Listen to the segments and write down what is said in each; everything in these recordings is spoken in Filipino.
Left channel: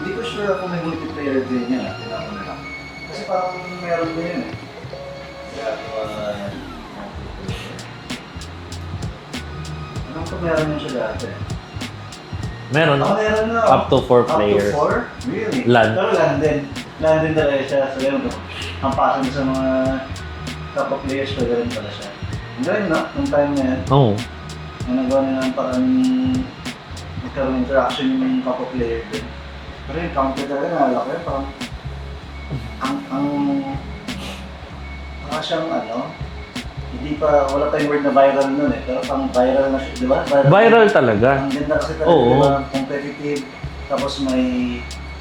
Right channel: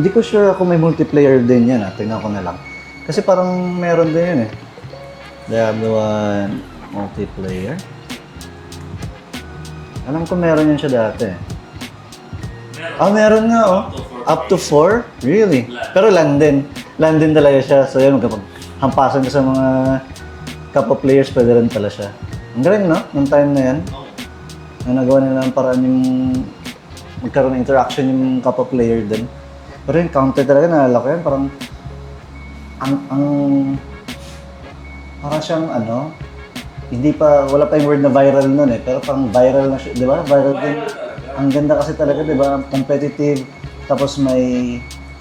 Hindi ko sure kung may multiplayer din yan. Tingnan ko na lang. Kasi parang meron din yun eh. Diablo 1 multiplayer. Alam ko meron yan siya dati. Meron. Meron nga. Up to 4 Up to players. 4? Really? LAN. Pero LAN din. LAN din talaga siya. So yan, hampasan ko sa mga kapwa players, pwede rin pala siya. Ang galing, no? Nung time na yan. Oo. Yung nagawa nila ng parang magkaroon ng interaction yung kapwa player din. Pero yung counter talaga, naalala ko yan. Parang para siyang hindi pa, wala pa yung word na viral nun eh. Pero parang viral na siya, di ba? Viral talaga. Ang ganda kasi talaga, Oo. di ba? Competitive. Tapos may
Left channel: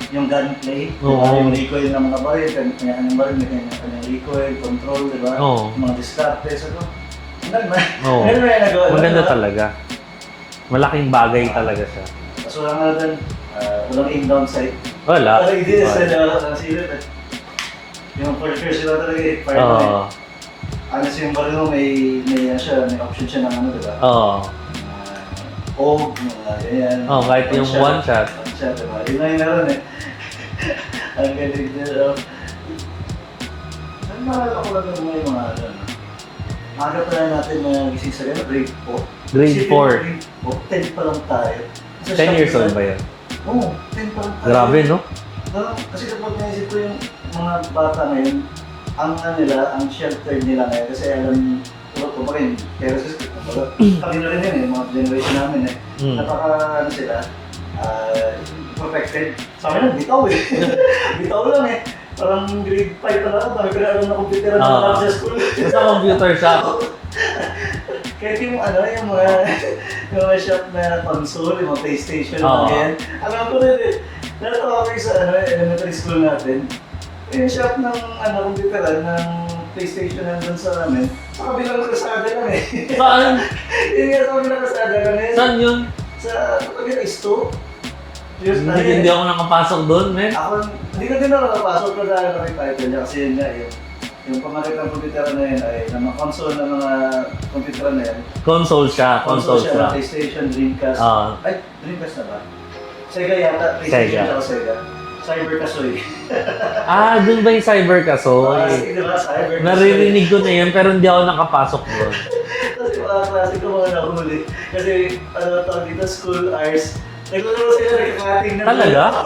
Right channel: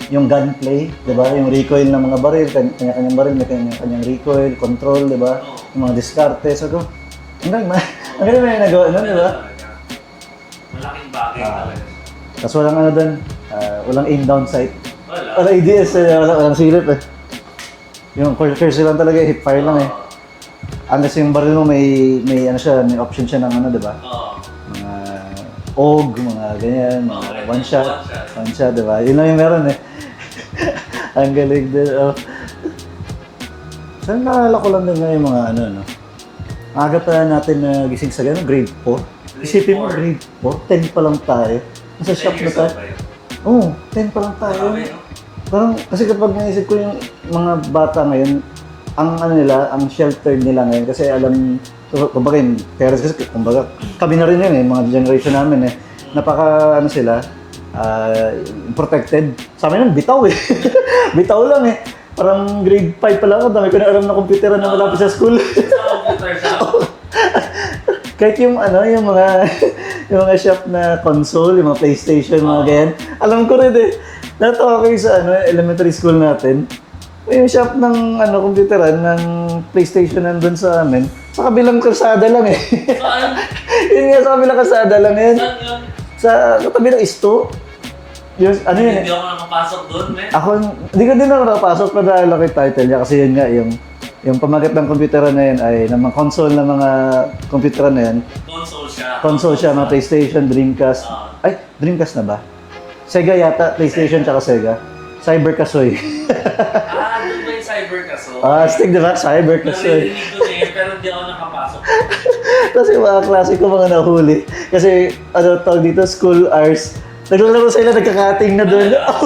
yung gunplay, di ba? Oo. Yung recoil ng mga baril, kanya-kanyang baril, may kanyang recoil, control, di ba? Oo. Yung mga diskarte. So, ang galing ba? Oo. Ang galing na yung nagawa. Maganda diba? talaga. Malaking bagay talaga siya. Tapos walang doon, walang aim down sight. Wala. Walang ADS, walang silip eh. Yung cursor lang talaga, hit fire lang eh. Oo. Unless yung baril mo may option siya ng di ba? Oo. Og, mga ganyan. Oh, kahit yung one shot. One shot, di ba? Yun lang yung meron eh. Ang galing din. Saan naalala ko lang din nga yung mga no? Aga pa natin na gising sa gano'n, grade 4. Grade 4. Grade 4, 10 pa lang tayo. 10 years old ba yan? Oo, 10 pa lang tayo. Grabe, no? Parang, kasi kapag naisip ko yung mga bata ngayon, ang ang sheltered nila ngayon, kasi alam, kumbaga yung parents kasi, kumbaga, kami na rin yan eh, mga generation namin eh. Napaka, sila, protected. Sa amin, bitaw eh. Bitaw lang eh. Parang grade 5 pa lang ako, dami ko na alam na computer na wala sa school. Sa computer shop. Kahit yung yung mga shop na console, yung mga PlayStation, mga ganyan. Alam ko rin eh. Natawa ko yung sa elementary school natin. Yung shop ng computeran, ng PlayStation nandun sa amin, sa kabilang kalsada lang eh. Saan? Yun nga, sa kabilang kalsada lang eh. Saan yun? Sa kabilang isto. Yes, Hindi ako nakapasok doon, men. Hindi ko din ako nakapasok pero naalala ko yung title niya kasi yun nga, yung pamagat ng computeran na yun ay ng mga console ng mga computeran na yan. Console siya. Console siya, mga PlayStation, Dreamcast. Ay, Dreamcast na ba? Sega yata, PlayStation Sega. tsaka Sega. Cyber Kasoy. Doon ba yung Cyber Kaso? Stick diba? Cyber Kasoy. Naririnig ko na yan pero hindi ako nakapasok doon. Kasi mga klase ko mga nahuli. Kasi tawag dito, school hours. Naglalaro sila, nagkakating na doon. Talaga?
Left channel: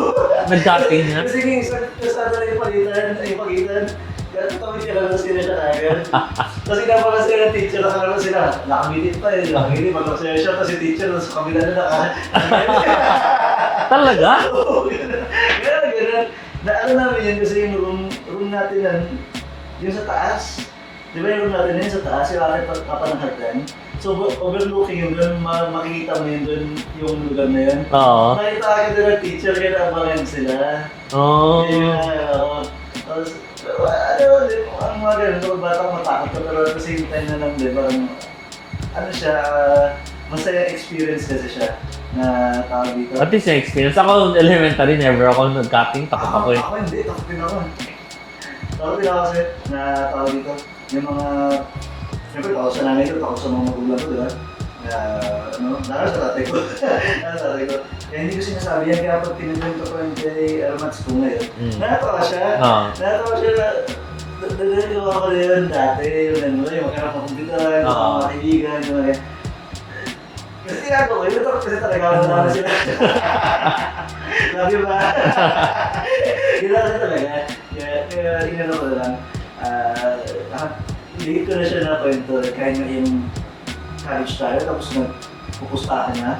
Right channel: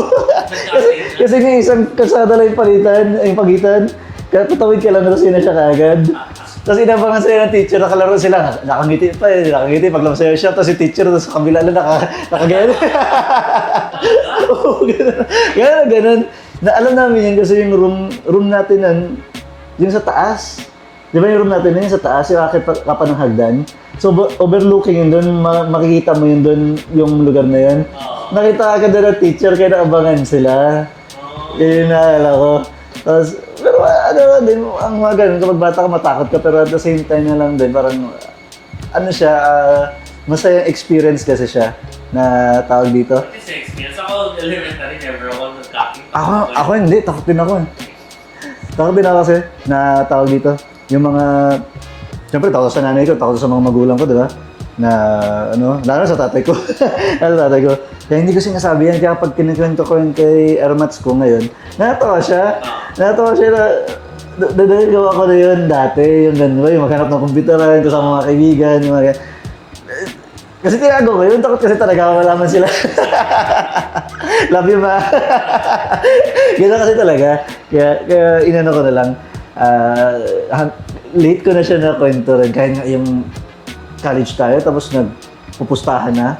Nagkating na? Kasi nga isang kalsada lang yung pagitan. Kaya tutawid ka lang, tapos na siya kaagad. Tapos inabangan sila ng teacher, nakalaro sila. Nakangiti pa eh, nakangiti. Paglaro sila siya, tapos si teacher, tapos sa kabila lang nakagano. Talaga? Oo, ganun. Alam namin yun kasi yung room natin yung sa taas. Di ba yung room natin yun sa taas, yung akit pa ng hagdan. So overlooking yun doon, makikita mo yun doon yung lugar na yun. Oo. Nakita agad doon ng teacher, kaya naabangan sila. Oo. Yun naalala ko. Tapos, pero din, ang mga ganun, kapag bata ka matakot ka, pero at the same time na lang din, parang, masayang experience kasi siya na tawag dito. At least na-experience. Ako, elementary, never ako nag-cutting. Ako hindi, takot din ako. Takot din ako kasi na tawag dito, yung mga, siyempre takot sa nanay ko, takot sa mga magulang ko, di ba? Na lalo sa tatay ko. Kaya hindi ko sinasabi yan, kaya pag kinikwento ko yung kay Ermats ko ngayon, natawa siya. Natawa siya na, gawa ko na yun dati, yung maghanap ng computeran, sa mga kaibigan, yung mga kasi tinago ko yun, takot kasi talaga malaman sila. Love you, ma. Gano'n kasi talaga. Kaya inano ko na lang. Late ko na siya na kwento rin. Kahit nga yung college tayo, tapos nagpupustahan na.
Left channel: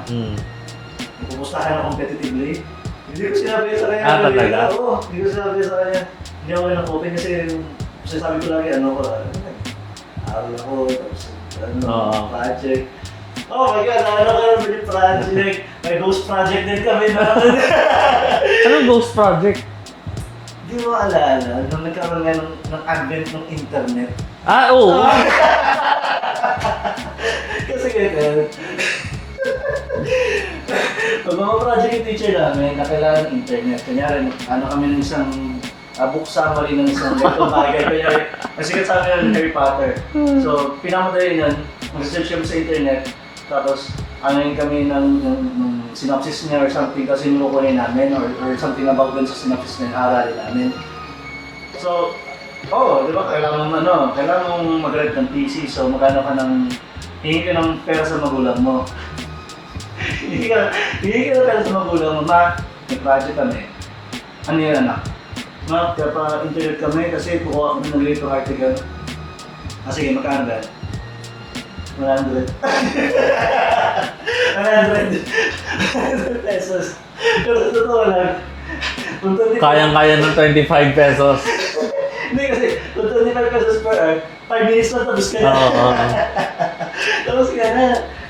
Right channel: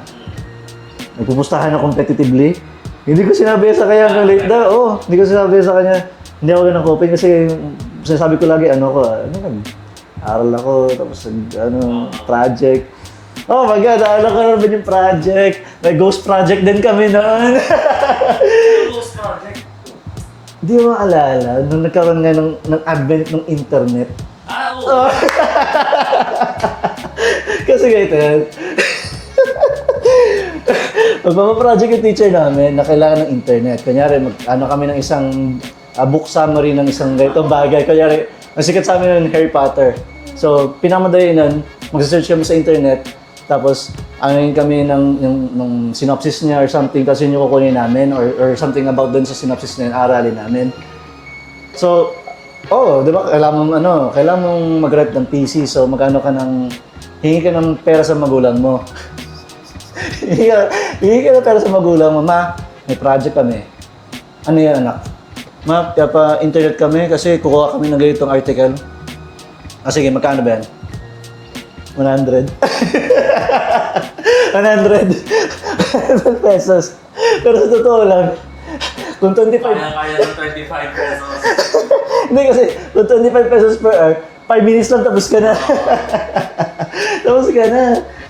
Nagpupustahan na competitively. Hindi ko sinabi sa kanya. Hindi ko sinabi sa kanya. Hindi ako ganang coping kasi sinasabi ko lagi, aral ako, tapos project. Oh my God, ano ka naman yung project? May ghost project din kami na. Anong ghost project? Hindi mo maalala, nung nagkaroon nga ng advent ng internet. Oo. Kasi ganito, magpapaproject yung teacher namin na kailangan ng internet. Kunyari, kami ng isang book summary ng isang ganitong bagay. Kunyari, masikat sa amin ng Harry Potter. So, pinamadali nun, mag-search kami sa internet. Tapos, ano kami ng synopsis niya or something kasi yung kukunin namin or something about doon sa synopsis na yun, aralin namin. So, di ba, kailangan mong mag-rent ng PC, so hingi ka ng pera sa magulang mo. hingi ka ng pera sa magulang mo, ma, may project kami. Ano yan, anak? Ma, pa-internet kami kasi kukuha kami ng ganitong article. Sige, magkano ba yan? 100. 100 pesos. Pero sa totoo lang, kung 25... Kayang-kaya ng 25 pesos. Hindi kasi, kung 25 pesos per hour, 5 minutes lang tapos ka na. Tapos ka na.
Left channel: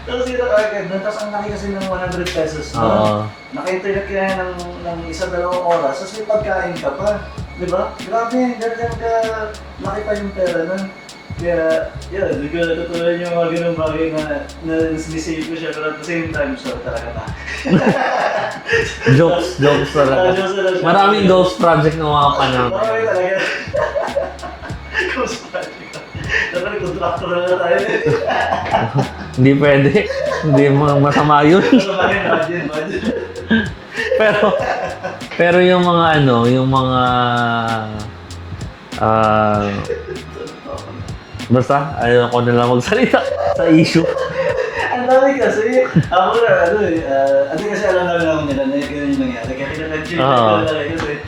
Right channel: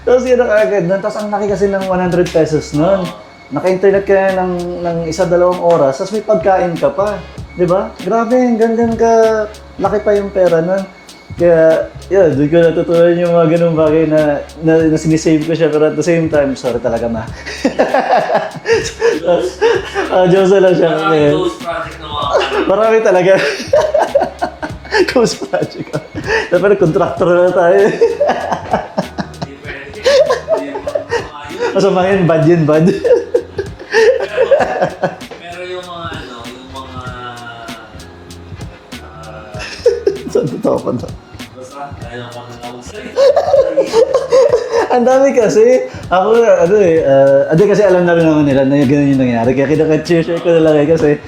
Tapos ka na kaagad nun. Tapos ang laki kasi ng 100 pesos nun. Naka-internet ka ng 1-2 oras, tapos may pagkain ka pa. Di ba? Grabe, ganun ka laki pa yung pera nun. Kaya, doon ko natutunan yung mga ganung bagay na sinisave ko siya, pero at the same time, sorry talaga na. Jokes lang. Jokes lang siya. Maraming ghost project na mga kanal. Marami talaga. Ghost project. Dapat contractor na tayo. Hindi pwede. Hindi mo masama yun. Masama yun, bad yun, bad. pero yung mga yung mga Saan totoo pa to? basta, ayaw ko na lang magsalita sa issue. Ang dami kasi. Ako kasi alam na rin naman nila na gano'n yung nangyari. Kaya kinaka-cheer ko na lang kasi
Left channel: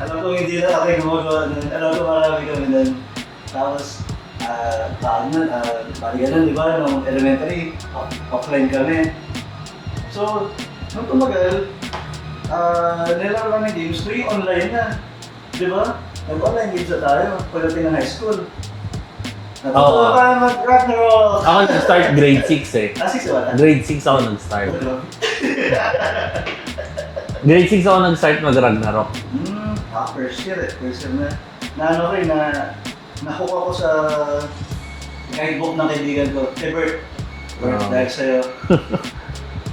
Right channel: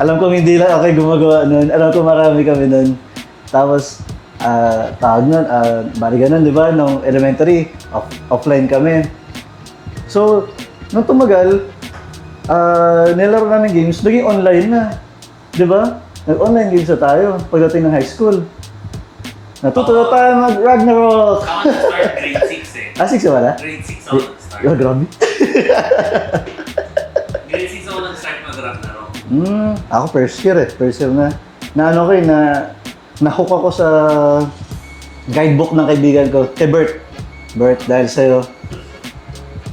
alam kong hindi lang ako gumagawa nun. Alam ko marami kami nun. Tapos, tawag nun, bali ganun, di ba? Nung elementary, offline kami. So, nung tumagal, nilaro namin games, naging online na. Di ba? Nag-online games na tayo pagdating ng high school. Natutuwa pa mag-Ragnarok! Ako nag-start grade 6 eh. 6 na wala? Grade 6 ako nag-start. Grabe. Grade 6 ako nag-start mag-Ragnarok. Ako first year na. Na-hook ako sa guidebook ng kaibigan ko, kay Bert. Dahil sa'yo.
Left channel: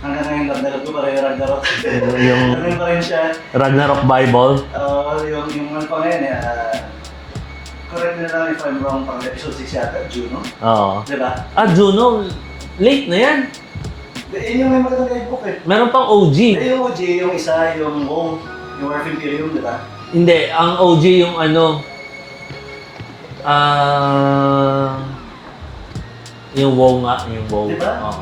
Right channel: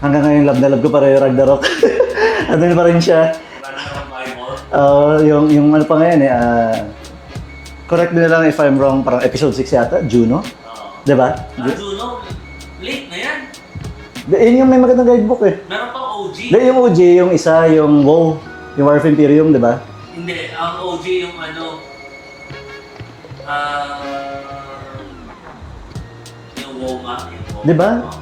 Hanggang ngayon, love ko pa rin yung Ragnarok. Ano pa rin siya. Ragnarok Bible. Yung ano pa ngayon correct me na lang if I'm wrong, parang episode 6 yata, Juno. Oo. Diba? Juno, late na yan. Yun yung may magandang guidebook eh. Meron pang OG. Yung OG, yung isa, yung WoW, yung War of Imperium, diba? Hindi, ang OG yung yung WoW nga, yung WoW. Diba? Oo.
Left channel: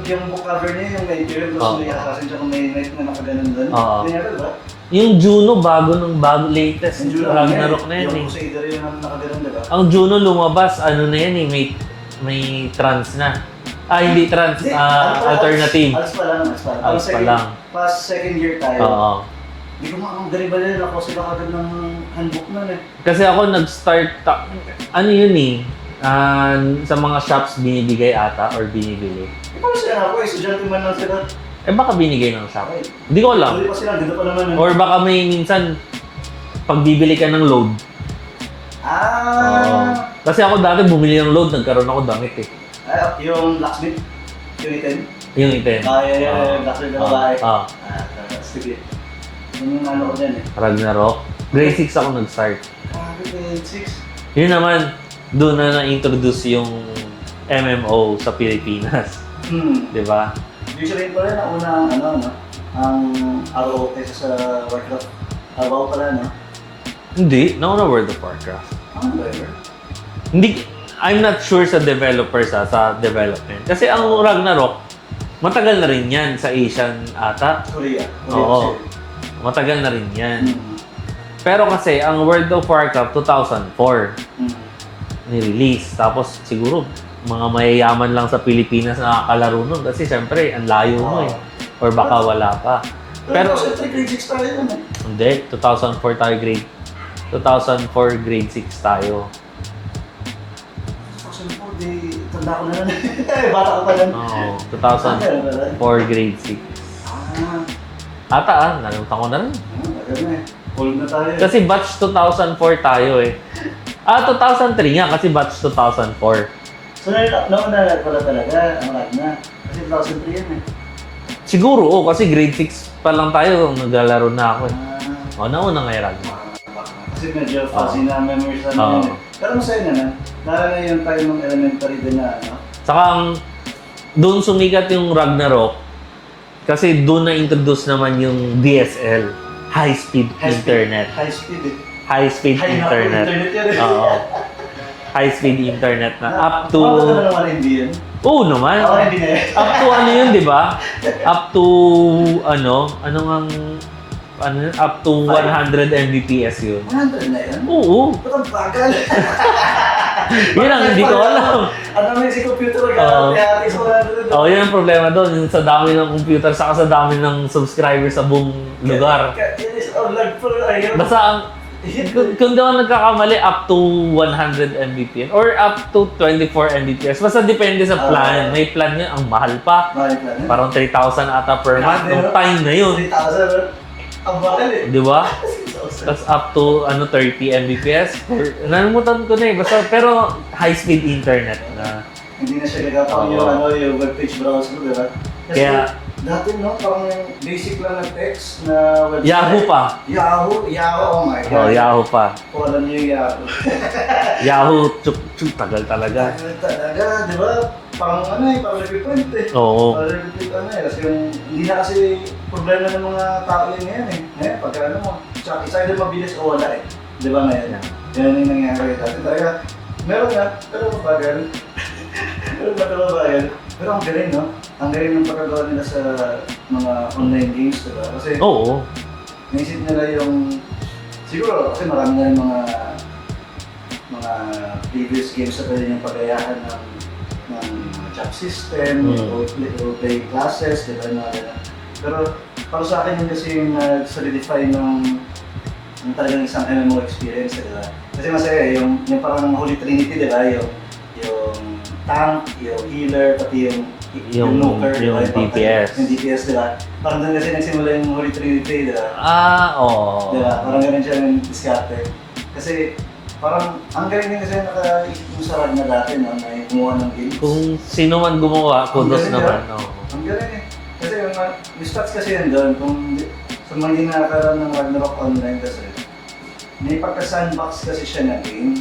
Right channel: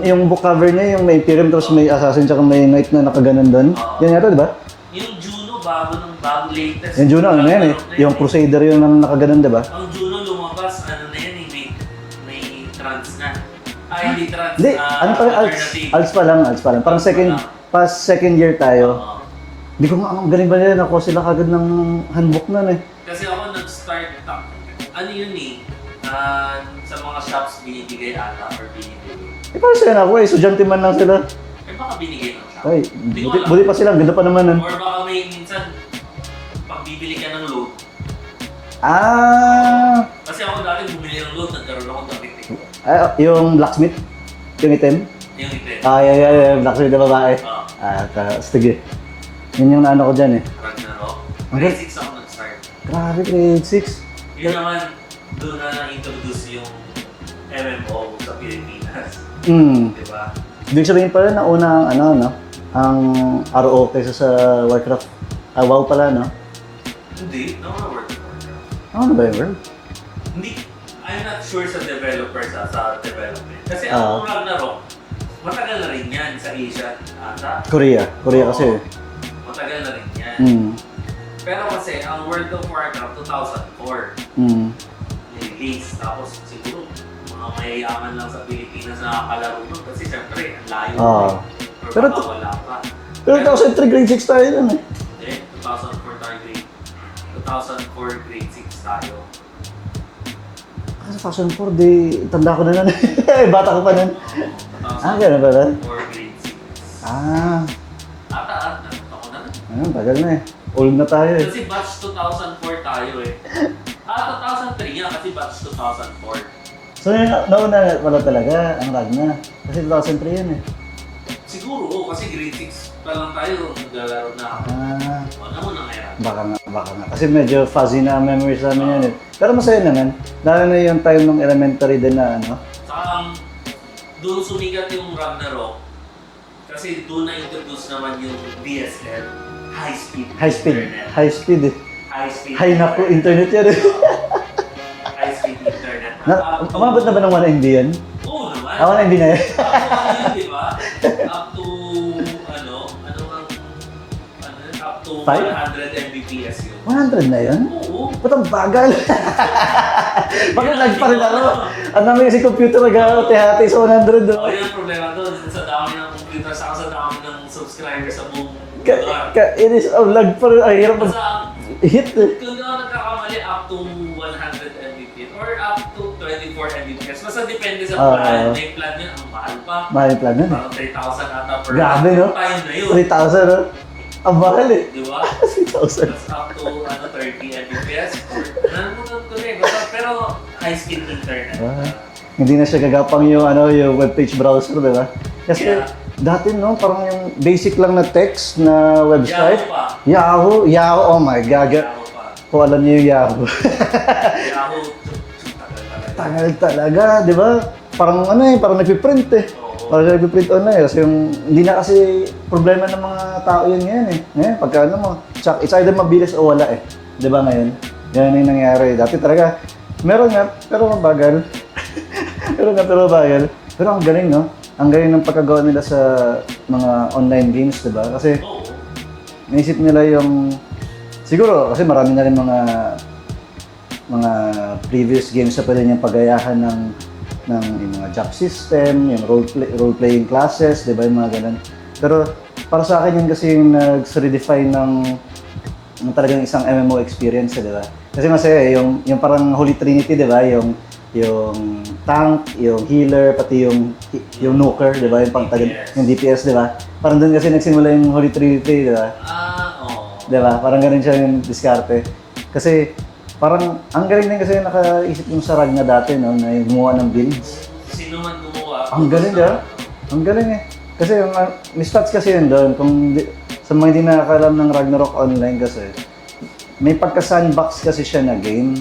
Yung book cover niya, yung may Imperium, tapos may Assassin, tsaka may Knight na nakaganon doon. Yan yata, diba? Yung Juno, bago latest. Yung Juno, Ragnarok na yan yung Crusader yung nakaganon, diba? Ang Juno lumabas, na yan eh, may trans na. Hindi trans, Hindi, alternative. Alts pa lang. Pang second year tayo. Oo. Hindi ko ang galing ba nila, nakuha sila kagad ng handbook na eh. Kasi ako nag-start, yun eh, sa mga shops binibigay ata or binibili. Paano sila nakuha? Estudyante man lang sila. Baka binigay ng shop. Ay, Hindi ko alam. Buli pa sila, ganda pa naman. Or baka may minsan, pag bibili ka ng load. Kasi ako dati bumili ng load, nagkaroon ako damit eh. Yung blacksmith? Yung item? Yung item. Yung blacksmith na babae. Sige. Yun yung naano ko dyan eh. Ragnarok. Grade 6 ako nag-start. Grabe, grade 6. Yun naman, doon na na-introduce yung MMO sa Pilipinas. Diba? Ibig sabihin pala na una ang RO kaysa sa Warcraft. WoW pala, no? Hindi, nauna World of Warcraft. Ano ba yun? Hindi, I'm not sure sa developers sa development. Kasi ang Ragnarok, matagal na rin yan sa Asian ata. Korea kasi. Matagal na rin yan. Pero kasi, ang World of Warcraft 2004 ni-release. Tapos siguro, mga mayayaman lang sa Pilipinas na nakakalaro nun. Kasi syempre, ang layo mo eh. Or baka wala pa. Pero 2003 grade 6 tayo nun eh. Hindi, 2004 tayo grade 6 tayo. 2004, tanda ko na lang. Bata ko pa nun. Oo, Yan na pala. 2004 grade 6. Ata nalimutan ko na rin. Tagal na eh. Old na tayo eh. Kasi batch 2004 tayo eh. 2003 nga kasi batch 2004. So, nauna pala talaga ang Ragna. Kasi 2003 yan eh. Siguro, kasi grade 6 pa lang tayo naglalaro na ako eh. Nauna nga yung Ragna. Baka nga. Kasi medyo fuzzy na memories na yun eh. Pero masaya naman. Lalo na yung time ng elementary din na Saka doon sumikat yung Ragnarok kasi doon na-introduce naman yung DSL, high-speed internet. High speed eh. High-speed High na po internet. internet yan eh. Oo. High-speed internet na up to... Umabot na ba ng 1 MB yan? Oo naman. 1 MB na eh. Up to ano yun, di ba? Up to up to 100 Mbps yun. 100 na yan? Oo. Ba't ang bagal? Yun ang hindi ko alam. Ang dami kasi computer na gano'n, Oo. tihati sa 100. Oo, yun ang problema doon. Sa dami ng computer, saka sa dami ng subscribers sa buong lugar. It is a lag pa rin. Ay, hirap. Basta ang Hit kung di ako nagkakamali, up to 100 Mbps or up to 24 Mbps. Basta depende sa plan. May plan niya, ang mahal pa. Mahal ka na. Parang 3,000 ata per month. Grabe, no? Nung time na yun. 3,000. Ang mahal eh. Di ba? 6,000. Tapos up to 30 Mbps. Nalimutan ko na eh. Basta, pero high-speed internet. Hindi na siya gagapang yung webpage browser, di ba? Kasi Kaya- dati parang yung basic lang na text na website. Yahoo pa. Yahoo, oh my Oh, God. Yahoo pa. Kung alam niyo yung Yahoo. Yahoo, tagal talaga. Dahil talaga, di ba? Parang parang nagpiprint eh. Oo. Parang nagpiprint online. Kasi hindi na kasi problema ng mga tao yun ngayon eh. Ngayon, pagka it's either mabilis o wala eh. Di ba ngayon? Yan yung nangyari. Dati talaga, meron nga, pero mabagal. pero mabagal. Pero ang galing, no? Ang galing ng pagkagawa nila sa mga online games, di ba? Kasi Oo. naisip nila yung... Siguro, kasi marami na rin mga previous games na pwede niyang pagayahan ng yung mga job system, yung role-playing classes, di ba? Yung mga ganun. Pero para sa akin yun kasi yung nag-solidify ng talagang isang MMO experience, di ba? Kasi masaya yung parang Holy Trinity, di ba? Yung tank, yung healer, pati yung nuker, di ba? yung DPS. Yung DPS, di ba? Parang doon kasi nagsimula yung Holy Trinity, di ba? Oo. Di ba? Parang ganun siya yung diskarte. Kasi parang ang galing din kasi nakaisip yung sa Ragna dati, no? Na yung gumawa ng build. Kung sino man gumawa, Ang kudos galing naman. yan. Ang galing eh. Kasi may stats kasi yun doon. Sa mga hindi nakakalam ng Ragnarok Online kasi, may pagka-sandbox kasi siya na game.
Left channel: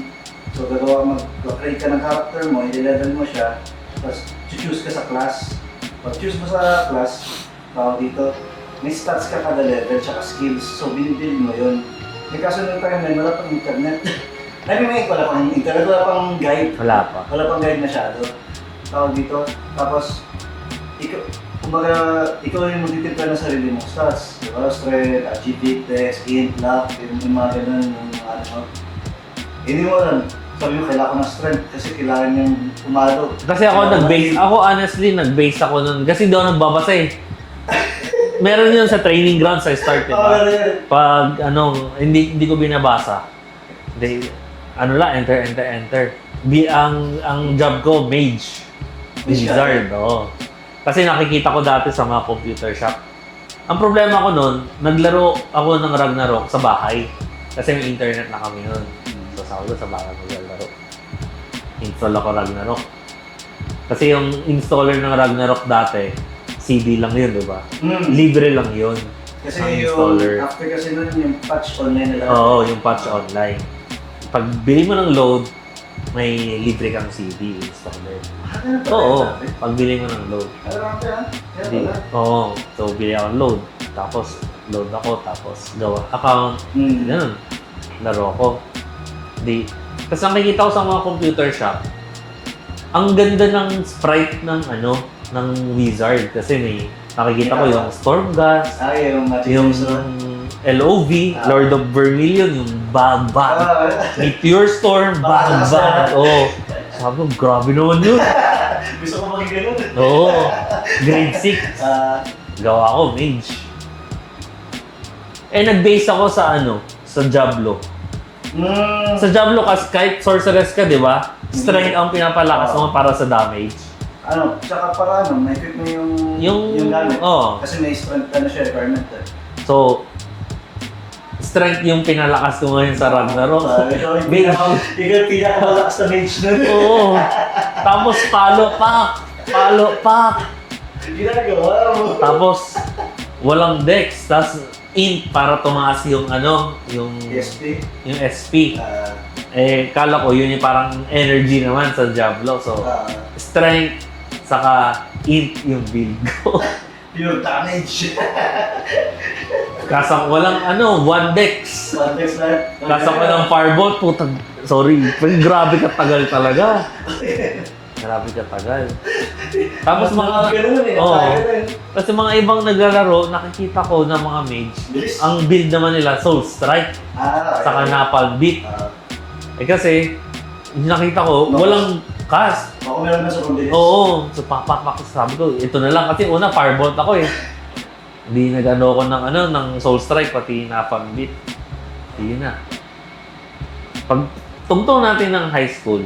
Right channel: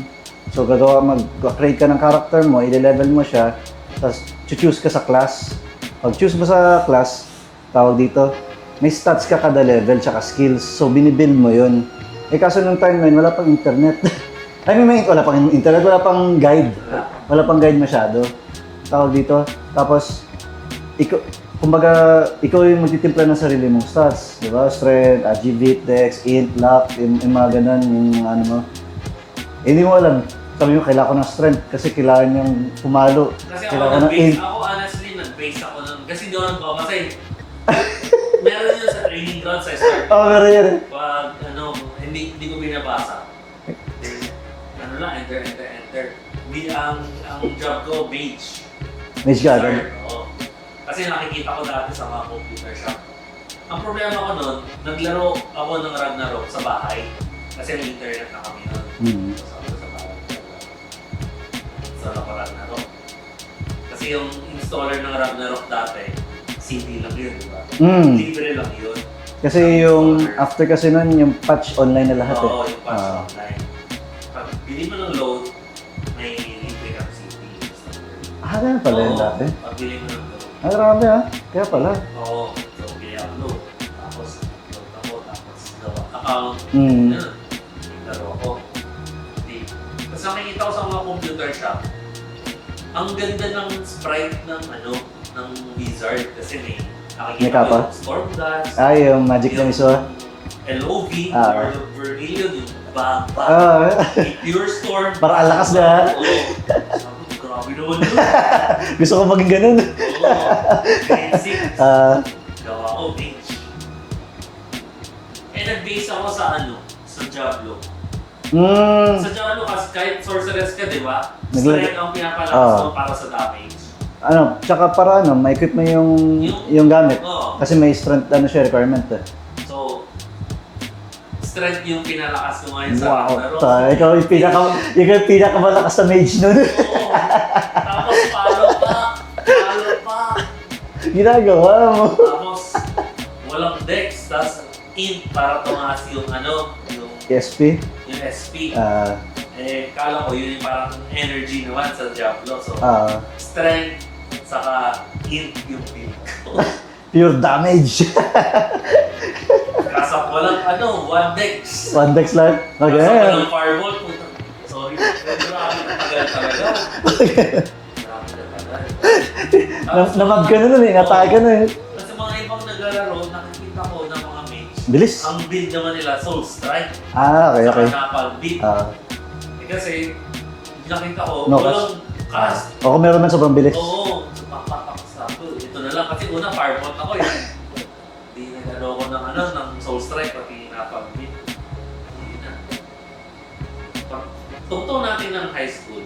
So mag-create ka ng character mo, i-level mo siya, tapos choose ka sa class. Pag choose mo sa class, tawag dito, may stats ka kada level, tsaka skills. So binibuild mo yun. Eh kaso nung time na yun, wala pang internet. Wala pang internet, wala pang guide. Wala pa. Wala pang guide masyado. Tawag dito. Tapos, ikaw yung magtitimpla ng sarili mong stats. Diba? Strength, agility, dex, int, luck, yung mga ganun, yung ano mo. Hindi mo alam. Sabi mo, kailangan ko ng strength kasi kailangan niyang pumalo. Kasi ako honestly, nag-base ako nun. Kasi daw nagbabasa eh. Meron yun sa training ground sa start. Oo, meron yan. Pag hindi ko binabasa. Enter. Ang job ko, mage. Mage ka. Wizard, oo. Kasi nakikita ko dati sa mga computer shop. Ang problema ko nun, naglaro ako ng Ragnarok sa bahay. Kasi may internet na kami nun. So sa bahay ko naglaro. Install ako Ragnarok. Kasi yung installer ng Ragnarok dati, CD lang yun, di ba? Libre lang yun. Kasi Ang yung, installer. after kasi nun, yung patch online na lahat. Oo, yung patch online. Pag bili mo ng load, may libre kang CD installer. Ganun pala Oo, yan dati. pag bili mo ng load. Marami ha. Kaya pala. Oo, so bili ako ng load. Tapos load ako, tapos gawa account. Mm. Ganun. Laro ko. Kasi nakikita ko sa mga computer shop, ang ganda ng sprite ng wizard. Kasi may nakikita ko May yung Stormgas, Yung Magic yung Muso. LOV, Lord of Vermilion, yung Baba, Meteor Storm, Baka Baba. Oo. Sabi ko, grabe naman yun. Gusto ko maging ganun. Oo. Grade 6. Gawa ko, mage. Nag-base ako sa sa Diablo. Sa Diablo, kahit sorceress ka, di ba? Strength ang pinapalakas mo para sa damage. Tsaka para ma-equip na yung gamit. Oo. Kasi may strength siya requirement eh. So, strength yung pinalakas ko ngayon sa Ragnarok. Ikaw yung pinakamalakas sa mage nun. Oo. Tapos palo pa. Ginagawa mo. Tapos walang dex, tapos int para tumaas yung yung SP? yung SP. Kala ko yun yung parang energy naman sa Diablo. So, strength, Saka int yung build ko. Pure damage. Kaso ko lang, one dex. One dex lang. Kaso ko lang fireball, putang, sorry. Pero grabe ka tagal talaga. Grabe ka tagal. Tapos mga... ka na nun eh, atake ka na eh. Kasi mga ibang naglalaro, nakikita ko na mga mage. Bilis. Ang build naman nila, Soul Strike. Okay. Saka Napalm Beat. Kasi, yung nakita ko, No walang cast. Ako meron na sobrang bilis. Oo. So, pak. Sabi ko, ito na lang. Kasi una, Firebolt ako eh. Hindi nag-ano ko ng Soul Strike, pati Napalm Beat. Yun na. Pag tungtong natin ng high school,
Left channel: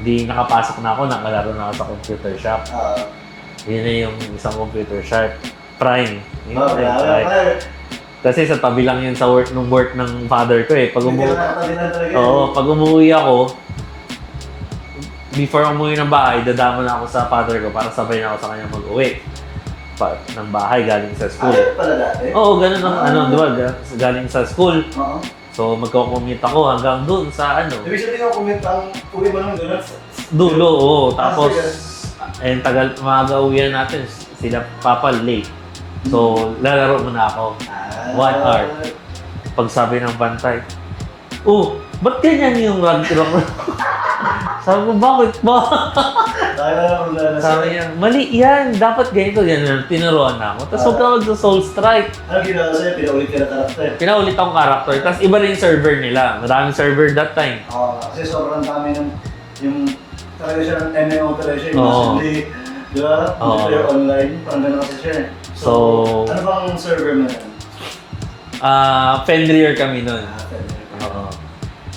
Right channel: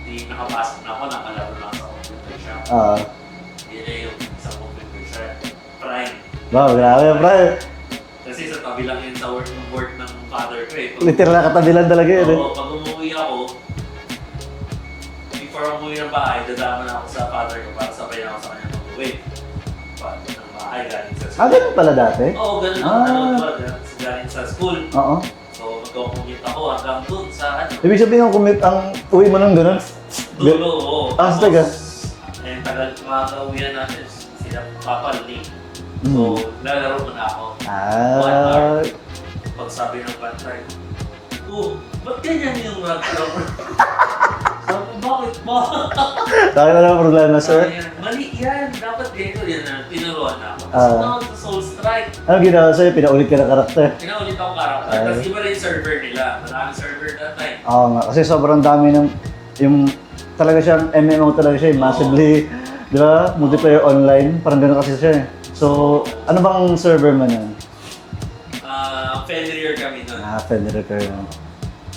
hindi nakapasok na ako, nakalaro na ako sa computer shop. Yun na yung isang computer shop. Prime. Wow, grabe. Kasi sa tabi lang yun sa work ng father ko eh. Literal na katabi lang talaga yun. Oo, pag umuwi ako, before umuwi ng bahay, dadama na ako sa father ko para sabay na ako sa kanya mag-uwi. Ng bahay galing sa school. Ganun pala dati? Oo, ganun diba? Galing sa school. Oo. So, magko-commute ako hanggang doon sa Ibig sabihin yung commute, ang uwi mo nung gano'n? Dulo, oo. Tapos, tagal. tagal maaga uwihan natin. Sila papa late. So, lalaro mo na ako. 1 hour. Pag sabi ng bantay, ba't ganyan yung rag-rock? Sabi ko, bakit ba? Dahil na naman problema na Sabi sir. niya, mali yan. Dapat ganito. Yan na, tinuruan na ako. Tapos huwag na mag-soul strike. Ano ginawa sa'yo? Pinaulit ka ng karakter. Pinaulit akong character. Tapos iba rin yung server nila. Maraming server that time. Oo nga. Kasi sobrang dami ng... Yung... Talaga siyang MMO talaga siya. Oo. Massively... Di ba? Multiplayer online. Parang gano'n kasi siya eh. So, ano bang server man yan? Fenrir kami nun. Fenrir kayo.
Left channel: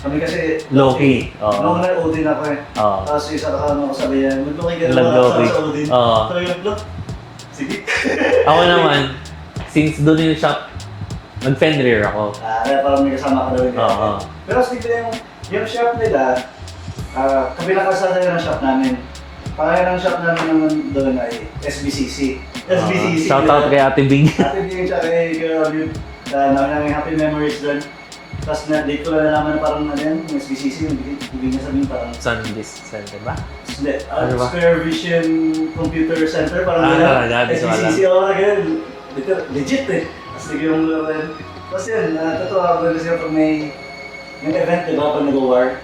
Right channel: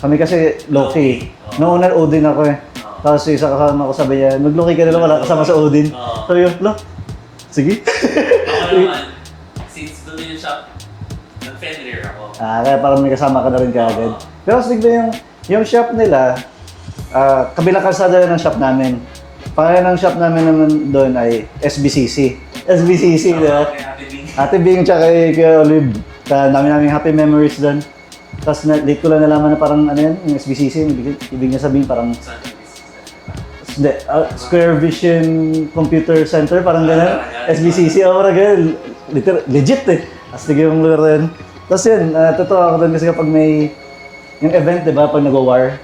Kami kasi Loki. Noong una Odin ako eh. Tapos yung isa kasama ko sabi yan, mag-Loki ka na lang wala kasama sa Odin. So yung sige. Ako naman, since doon yung shop, nag-Fenrir ako. Kaya parang may kasama ka na rin kagad. Pero kasi bigla yung shop nila, kabilang kalsada ng shop namin. Pangalan ng shop namin naman doon ay SBCC. SBCC. Shoutout kay Ate Bing. Ate Bing tsaka kay Olive. Dami happy memories doon. Tapos late ko lang nalaman na parang yung SBCC, ibig niya sabihin parang... Sundisk Center ba? Hindi, Square Vision Computer Center, parang gano'n. SBCC, parang gano'n. Legit eh. Tapos tigil yung lugar rin. Tapos yun, totoo ako doon kasi kapag may... Yung event, di ba, pag nag-war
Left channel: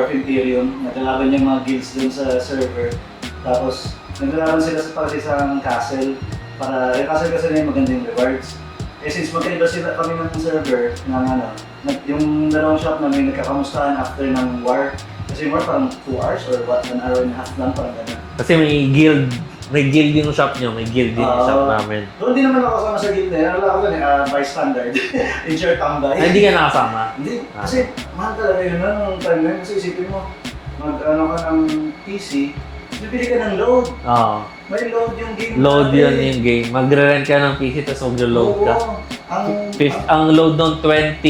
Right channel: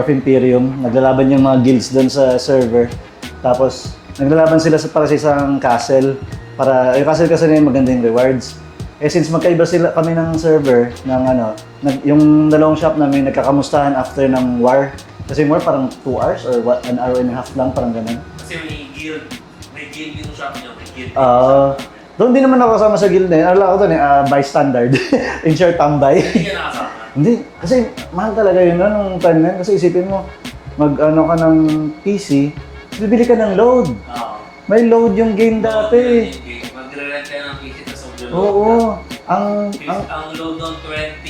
of Imperium, naglalaban yung mga guilds doon sa server. Tapos, naglalaban sila para sa isang castle. Yung castle kasi na yung maganda yung rewards. Since magkaiba sila kami ng server ng yung dalawang shop namin nagkakamustahan after ng war. Kasi yung war parang 2 hours or 1 hour and a half lang, parang ganun. Kasi may guild yung shop nyo, may guild din yung shop namin. Doon din naman ako kasama sa guild na yun. Alala ko doon bystander. In short, tambay. Hindi ka nakasama? Hindi. Kasi mahal talaga yun nung time na yun. Kasi isipin mo, ka ng PC, bibili ka ng load. May load yung game load dati. Load yun yung game. Magre-rent ka ng PC tapos mag-load ka. Ang load doon 20,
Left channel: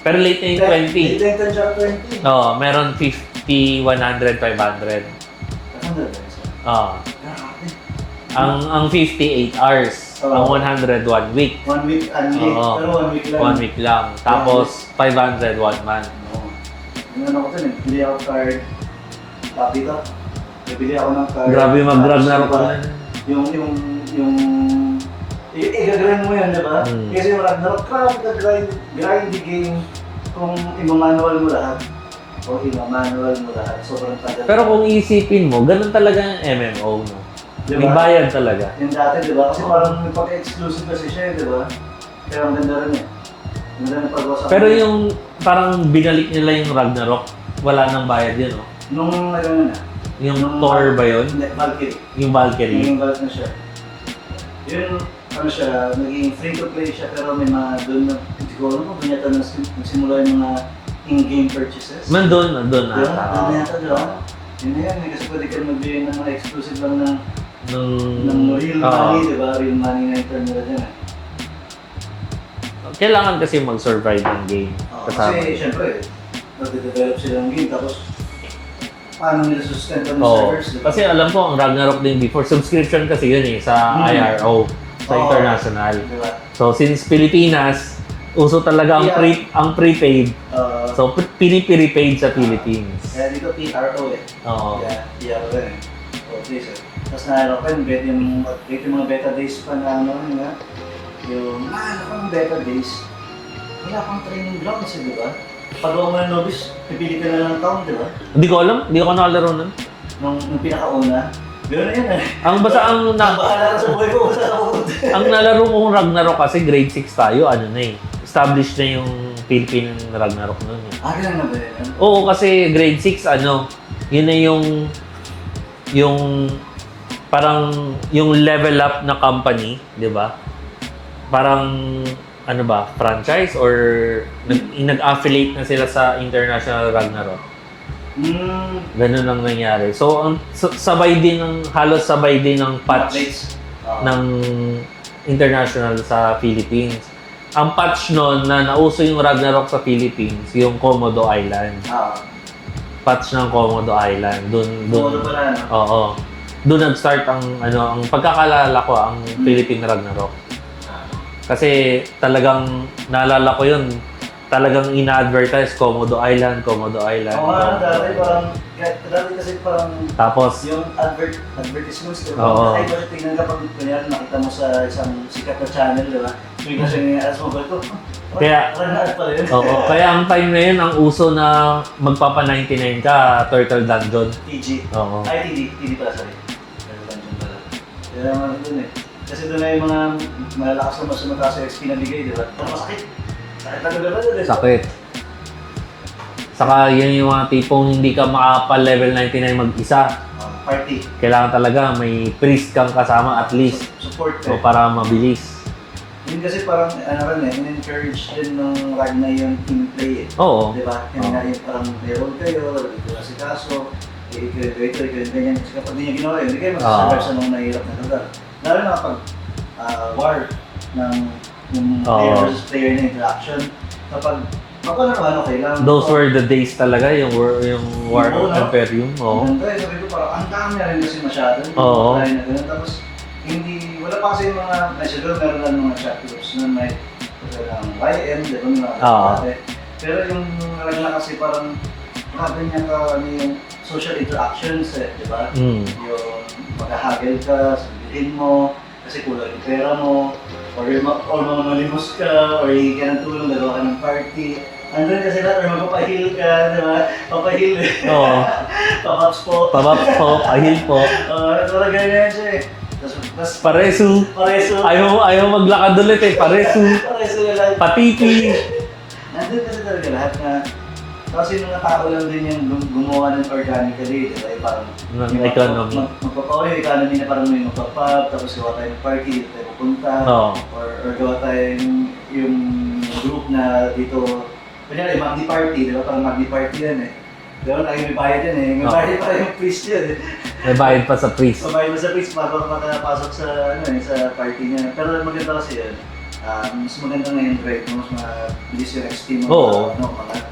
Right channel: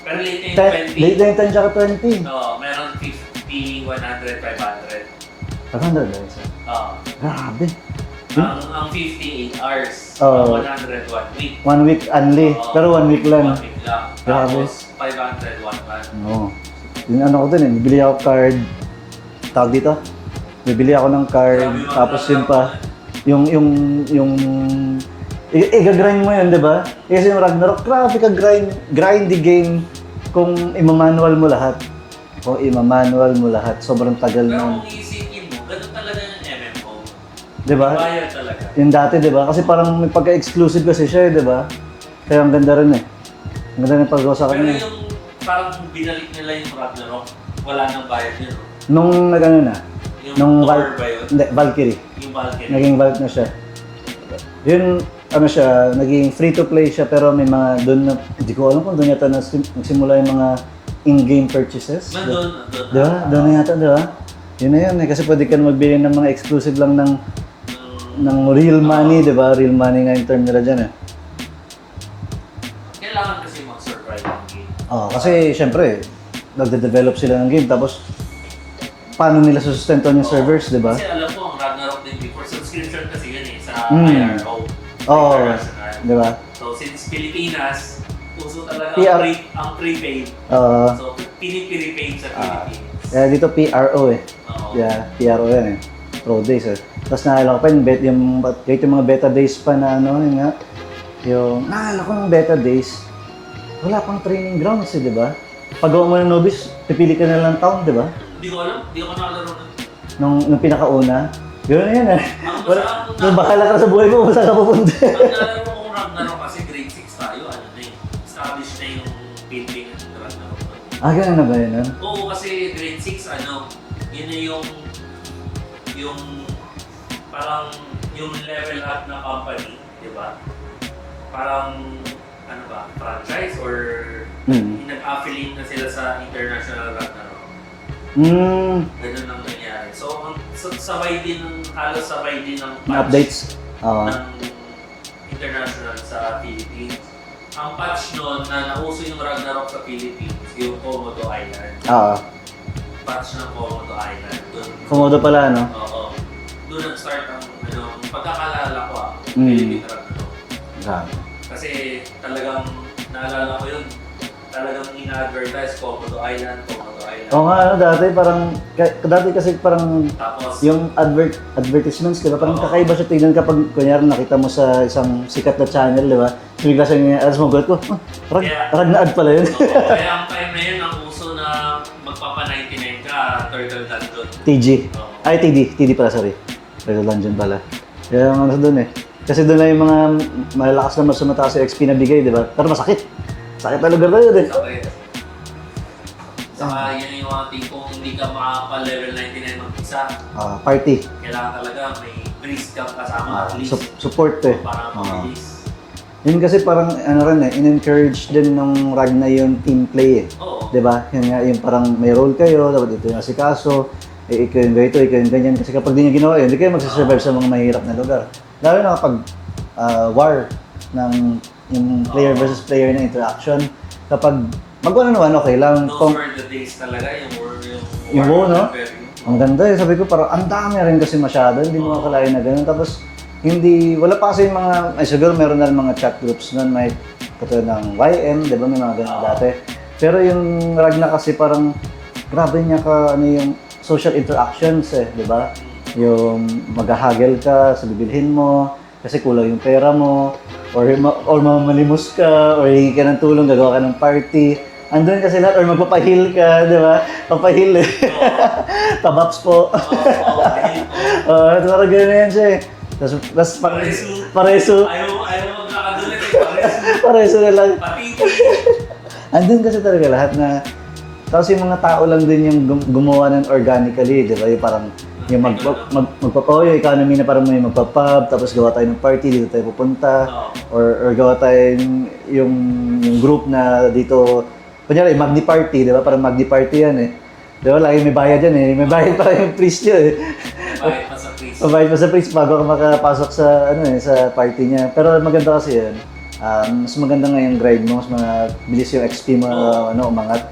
pero late na yung 20. Late na yung 10 tsaka 20. Meron 50, 100, 500. 500 guys. Grabe. Ang 58 hours. Ang 100, 1 week. 1 week only. Pero 1 week lang. 1 week lang. Tapos 500, 1 month. Yung ko dun bibili ako card. Tawag dito? Bibili ako ng card. Grabe mag-grab na ako. Gagrind mo yan, di ba? Kasi yung Ragnarok, grabe ka grindy game kung ima-manual mo lahat. Sobrang tagal. Pero kung isipin mo, ganun talaga yung MMO. Diba? May bayad talaga. Yung dati, di ba? Kasi parang may pagka-exclusive kasi siya, di ba? Kaya ang ganda rin eh. Ang ganda rin pag-usa. Pero yung parang binalik nila yung Ragnarok, wala nang bayad yun, no? Nung nag-ano na? Yung Thor ba yun? Hindi, Valkyrie. Yung Valkyrie. Naging Valk na siya. Yun, naging free-to-play siya pero may mga doon na, hindi ko alam kung doon yata nagsimula yung mga in-game purchases. Doon Doon yata, di ba? Yun na yun eh, kasi pwede ka magbili ng mga exclusive lang ng real money, di ba? Real money nga yung term nila dyan eh. Kailangan kasi mag-survive ng game. Kasi syempre, nagde-develop sila ng game tapos paano nila susustento ng servers, di ba? Kasi alam ko, ang Ragnarok din before, subscription kasi yun eh, sa IRO, sa international. Di ba? So, since Pilipinas, uso talaga ang prepaid. So, piniprepaid sa Philippines. Kaya dito PRO eh. Oo. Yeah, PRO yan eh. Pro Days eh. Tapos naalala ko pa yung mga beta days pa na ano, yun nga. Naalala ko ng beta days, wala pang training grounds eh, di ba? Pag gawa mo ng novice, pipili ka na lang ng town, di ba? Hindi ko alam, hindi ako nakalaro nun. Nung pinakauna, yun na yun eh. Ang basta Bahala ka sa buhay mo kung saan ka pupunta. ang nalaro kong Ragnarok kasi grade 6 tayo, ano na eh. Established na yung Philippine Ragnarok nun. Ganun na ba yun? Oo, kasi grade 6, ano, yun na yung parang yung level up na company, di ba? Parang, ano ba, franchise or nag-affiliate na sila sa International Ragnarok. Ganun ang nangyari. So, halos sabay din ng patch Updates. ng international sa Philippines. Ang patch nun na nauso yung Ragnarok sa Philippines, yung Komodo Island. Patch ng Komodo Island. Komodo pala, no? Oo. Doon nag-start ang pagkakalala ko ang Philippine Ragnarok. Kasi talagang naalala ko yun. Talagang ina-advertise Komodo Island. Oo nga, dati kasi parang Tapos, yung advertisements, di ba? Parang Oo. kakaiba siya tignan kapag kunyari nakita mo sa isang sikat na channel, di ba? Bigla siya yung alas mo, ko, Ragnaad pala yun. oo, kaya ang time na yun, ang uso na magpapa-99 ka, Turtle Dungeon. TG. Oo. Ay, TD pala, sorry. Turtle Dungeon pala. Kaya ang doon eh. Kasi doon na yung mga malalakas na mas sumataas sa XP na bigay, di ba? Pero masakit. Sakit na lugar na yun eh. Sakit. Saka yan yung mga tipong hindi ka makapal-level 99 mag-isa. Party. Kailangan talaga may priest kang kasama at least. Support eh. Para mabilis. Yun kasi parang ano rin eh, in-encourage din ng Ragna yung team play eh. Oo. 'Di ba? Yun nga yung parang may role kayo, dapat ito yung asikaso, ikaw yung ganito, ikaw yung ganyan. Kasi kapag di niya ginawa yun, hindi kayo magsasurvive sa mga mahirap na lugar. Lalo na kapag war ng yung player versus player na interaction. Kapag mag-ano naman, okay lang. Those were the days talaga, yung War no? Imperium. Ang ganda eh. Sabi ko parang ang dami rin kasi masyado. Hindi mo kalahin na ganun. Tapos wala pa kasi yung mga, siguro meron na mga chat groups nun. May pati ng YM, di ba? May mga ganun dati. Pero yung Ragna kasi parang grabe niya yung social interactions eh, di ba? Yung maghahagel ka sa bibilhin mo, kasi kulang yung pera mo, or mamalimos ka, or hihingi ka ng tulong, gagawa ka ng party. Andun kasi lahat, or magpapahil ka, di ba? Papahil eh. Oo. Tabaps po. Ahil po. Parang gano'n yan siya eh. Tapos pareso. Ayaw maglakad ulit eh, Pareso na lang. Patiti. Andun kasi talaga lahat na, tapos yung mga tao lang din yung gumawa ng organically, di ba? Yung parang yung yung economy na parang may magpa-pub, tapos gawa tayo ng party, dito tayo pupunta. Or gawa tayo yung group na dito, kunyari, Magni Party, di ba? Parang Magni Party yan eh. Di ba? Lagi may bayad yan eh. May bayad pa yung priest yun eh. May bayad pa sa priest. May bayad pa sa priest bago ka makapasok sa, sa party niya. Pero maganda kasi yun. Mas maganda nga yung grind mo, mas mabilis yung XP mo, umangat.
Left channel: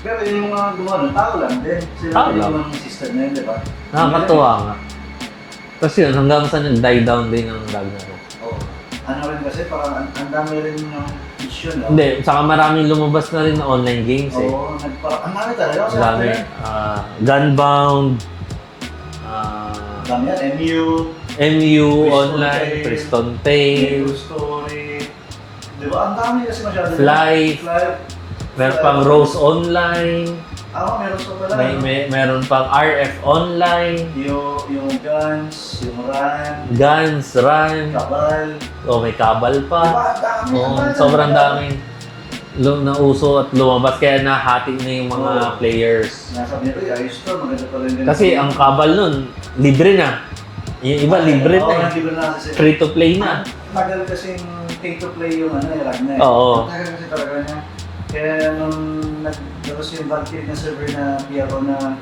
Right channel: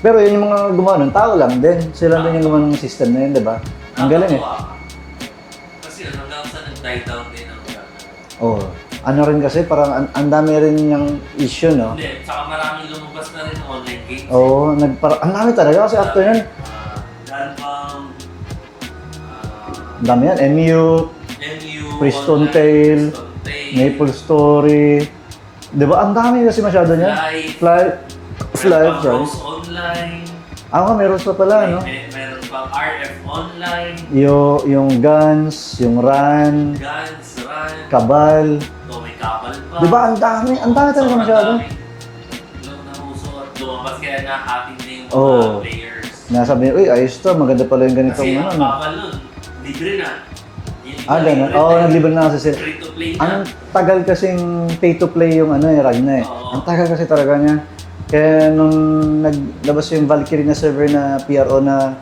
Pero yung mga gumawa ng tao lang din. Sila din yung gumawa ng system na yun, di ba? Nakakatuwa nga. Kasi yun, hanggang sa nag-die down din ang Ragnarok. Oo. Ano rin kasi, parang ang dami rin yung issue, no? Hindi, saka maraming lumabas na rin na online games eh. Oo, ang dami talaga kasi after yun. Gunbound. Ang dami yan, MU, Priston Tale, Maple Story. Di ba? Ang dami kasi masyado Fly. Meron pang Rose Online. Meron pa pala, no? Meron pang RF Online. Yung Guns, yung Run. Cabal. May Cabal pa. Di ba? Ang dami talaga sobrang masyado. dami. Nauso at lumabas kaya nahati na yung mga players. Nasabi niya, uy, ayos to, maganda pala yung ganito. Kasi ang Cabal nun, libre na. Yung iba libre na. Oo, libre na kasi sila. Free to play na. Ang tagal kasing pay to play yung Ragna eh. Oo. Ang tagal kasi talaga niya. Kaya nung naglabas yung Valkyrie na server na PRO na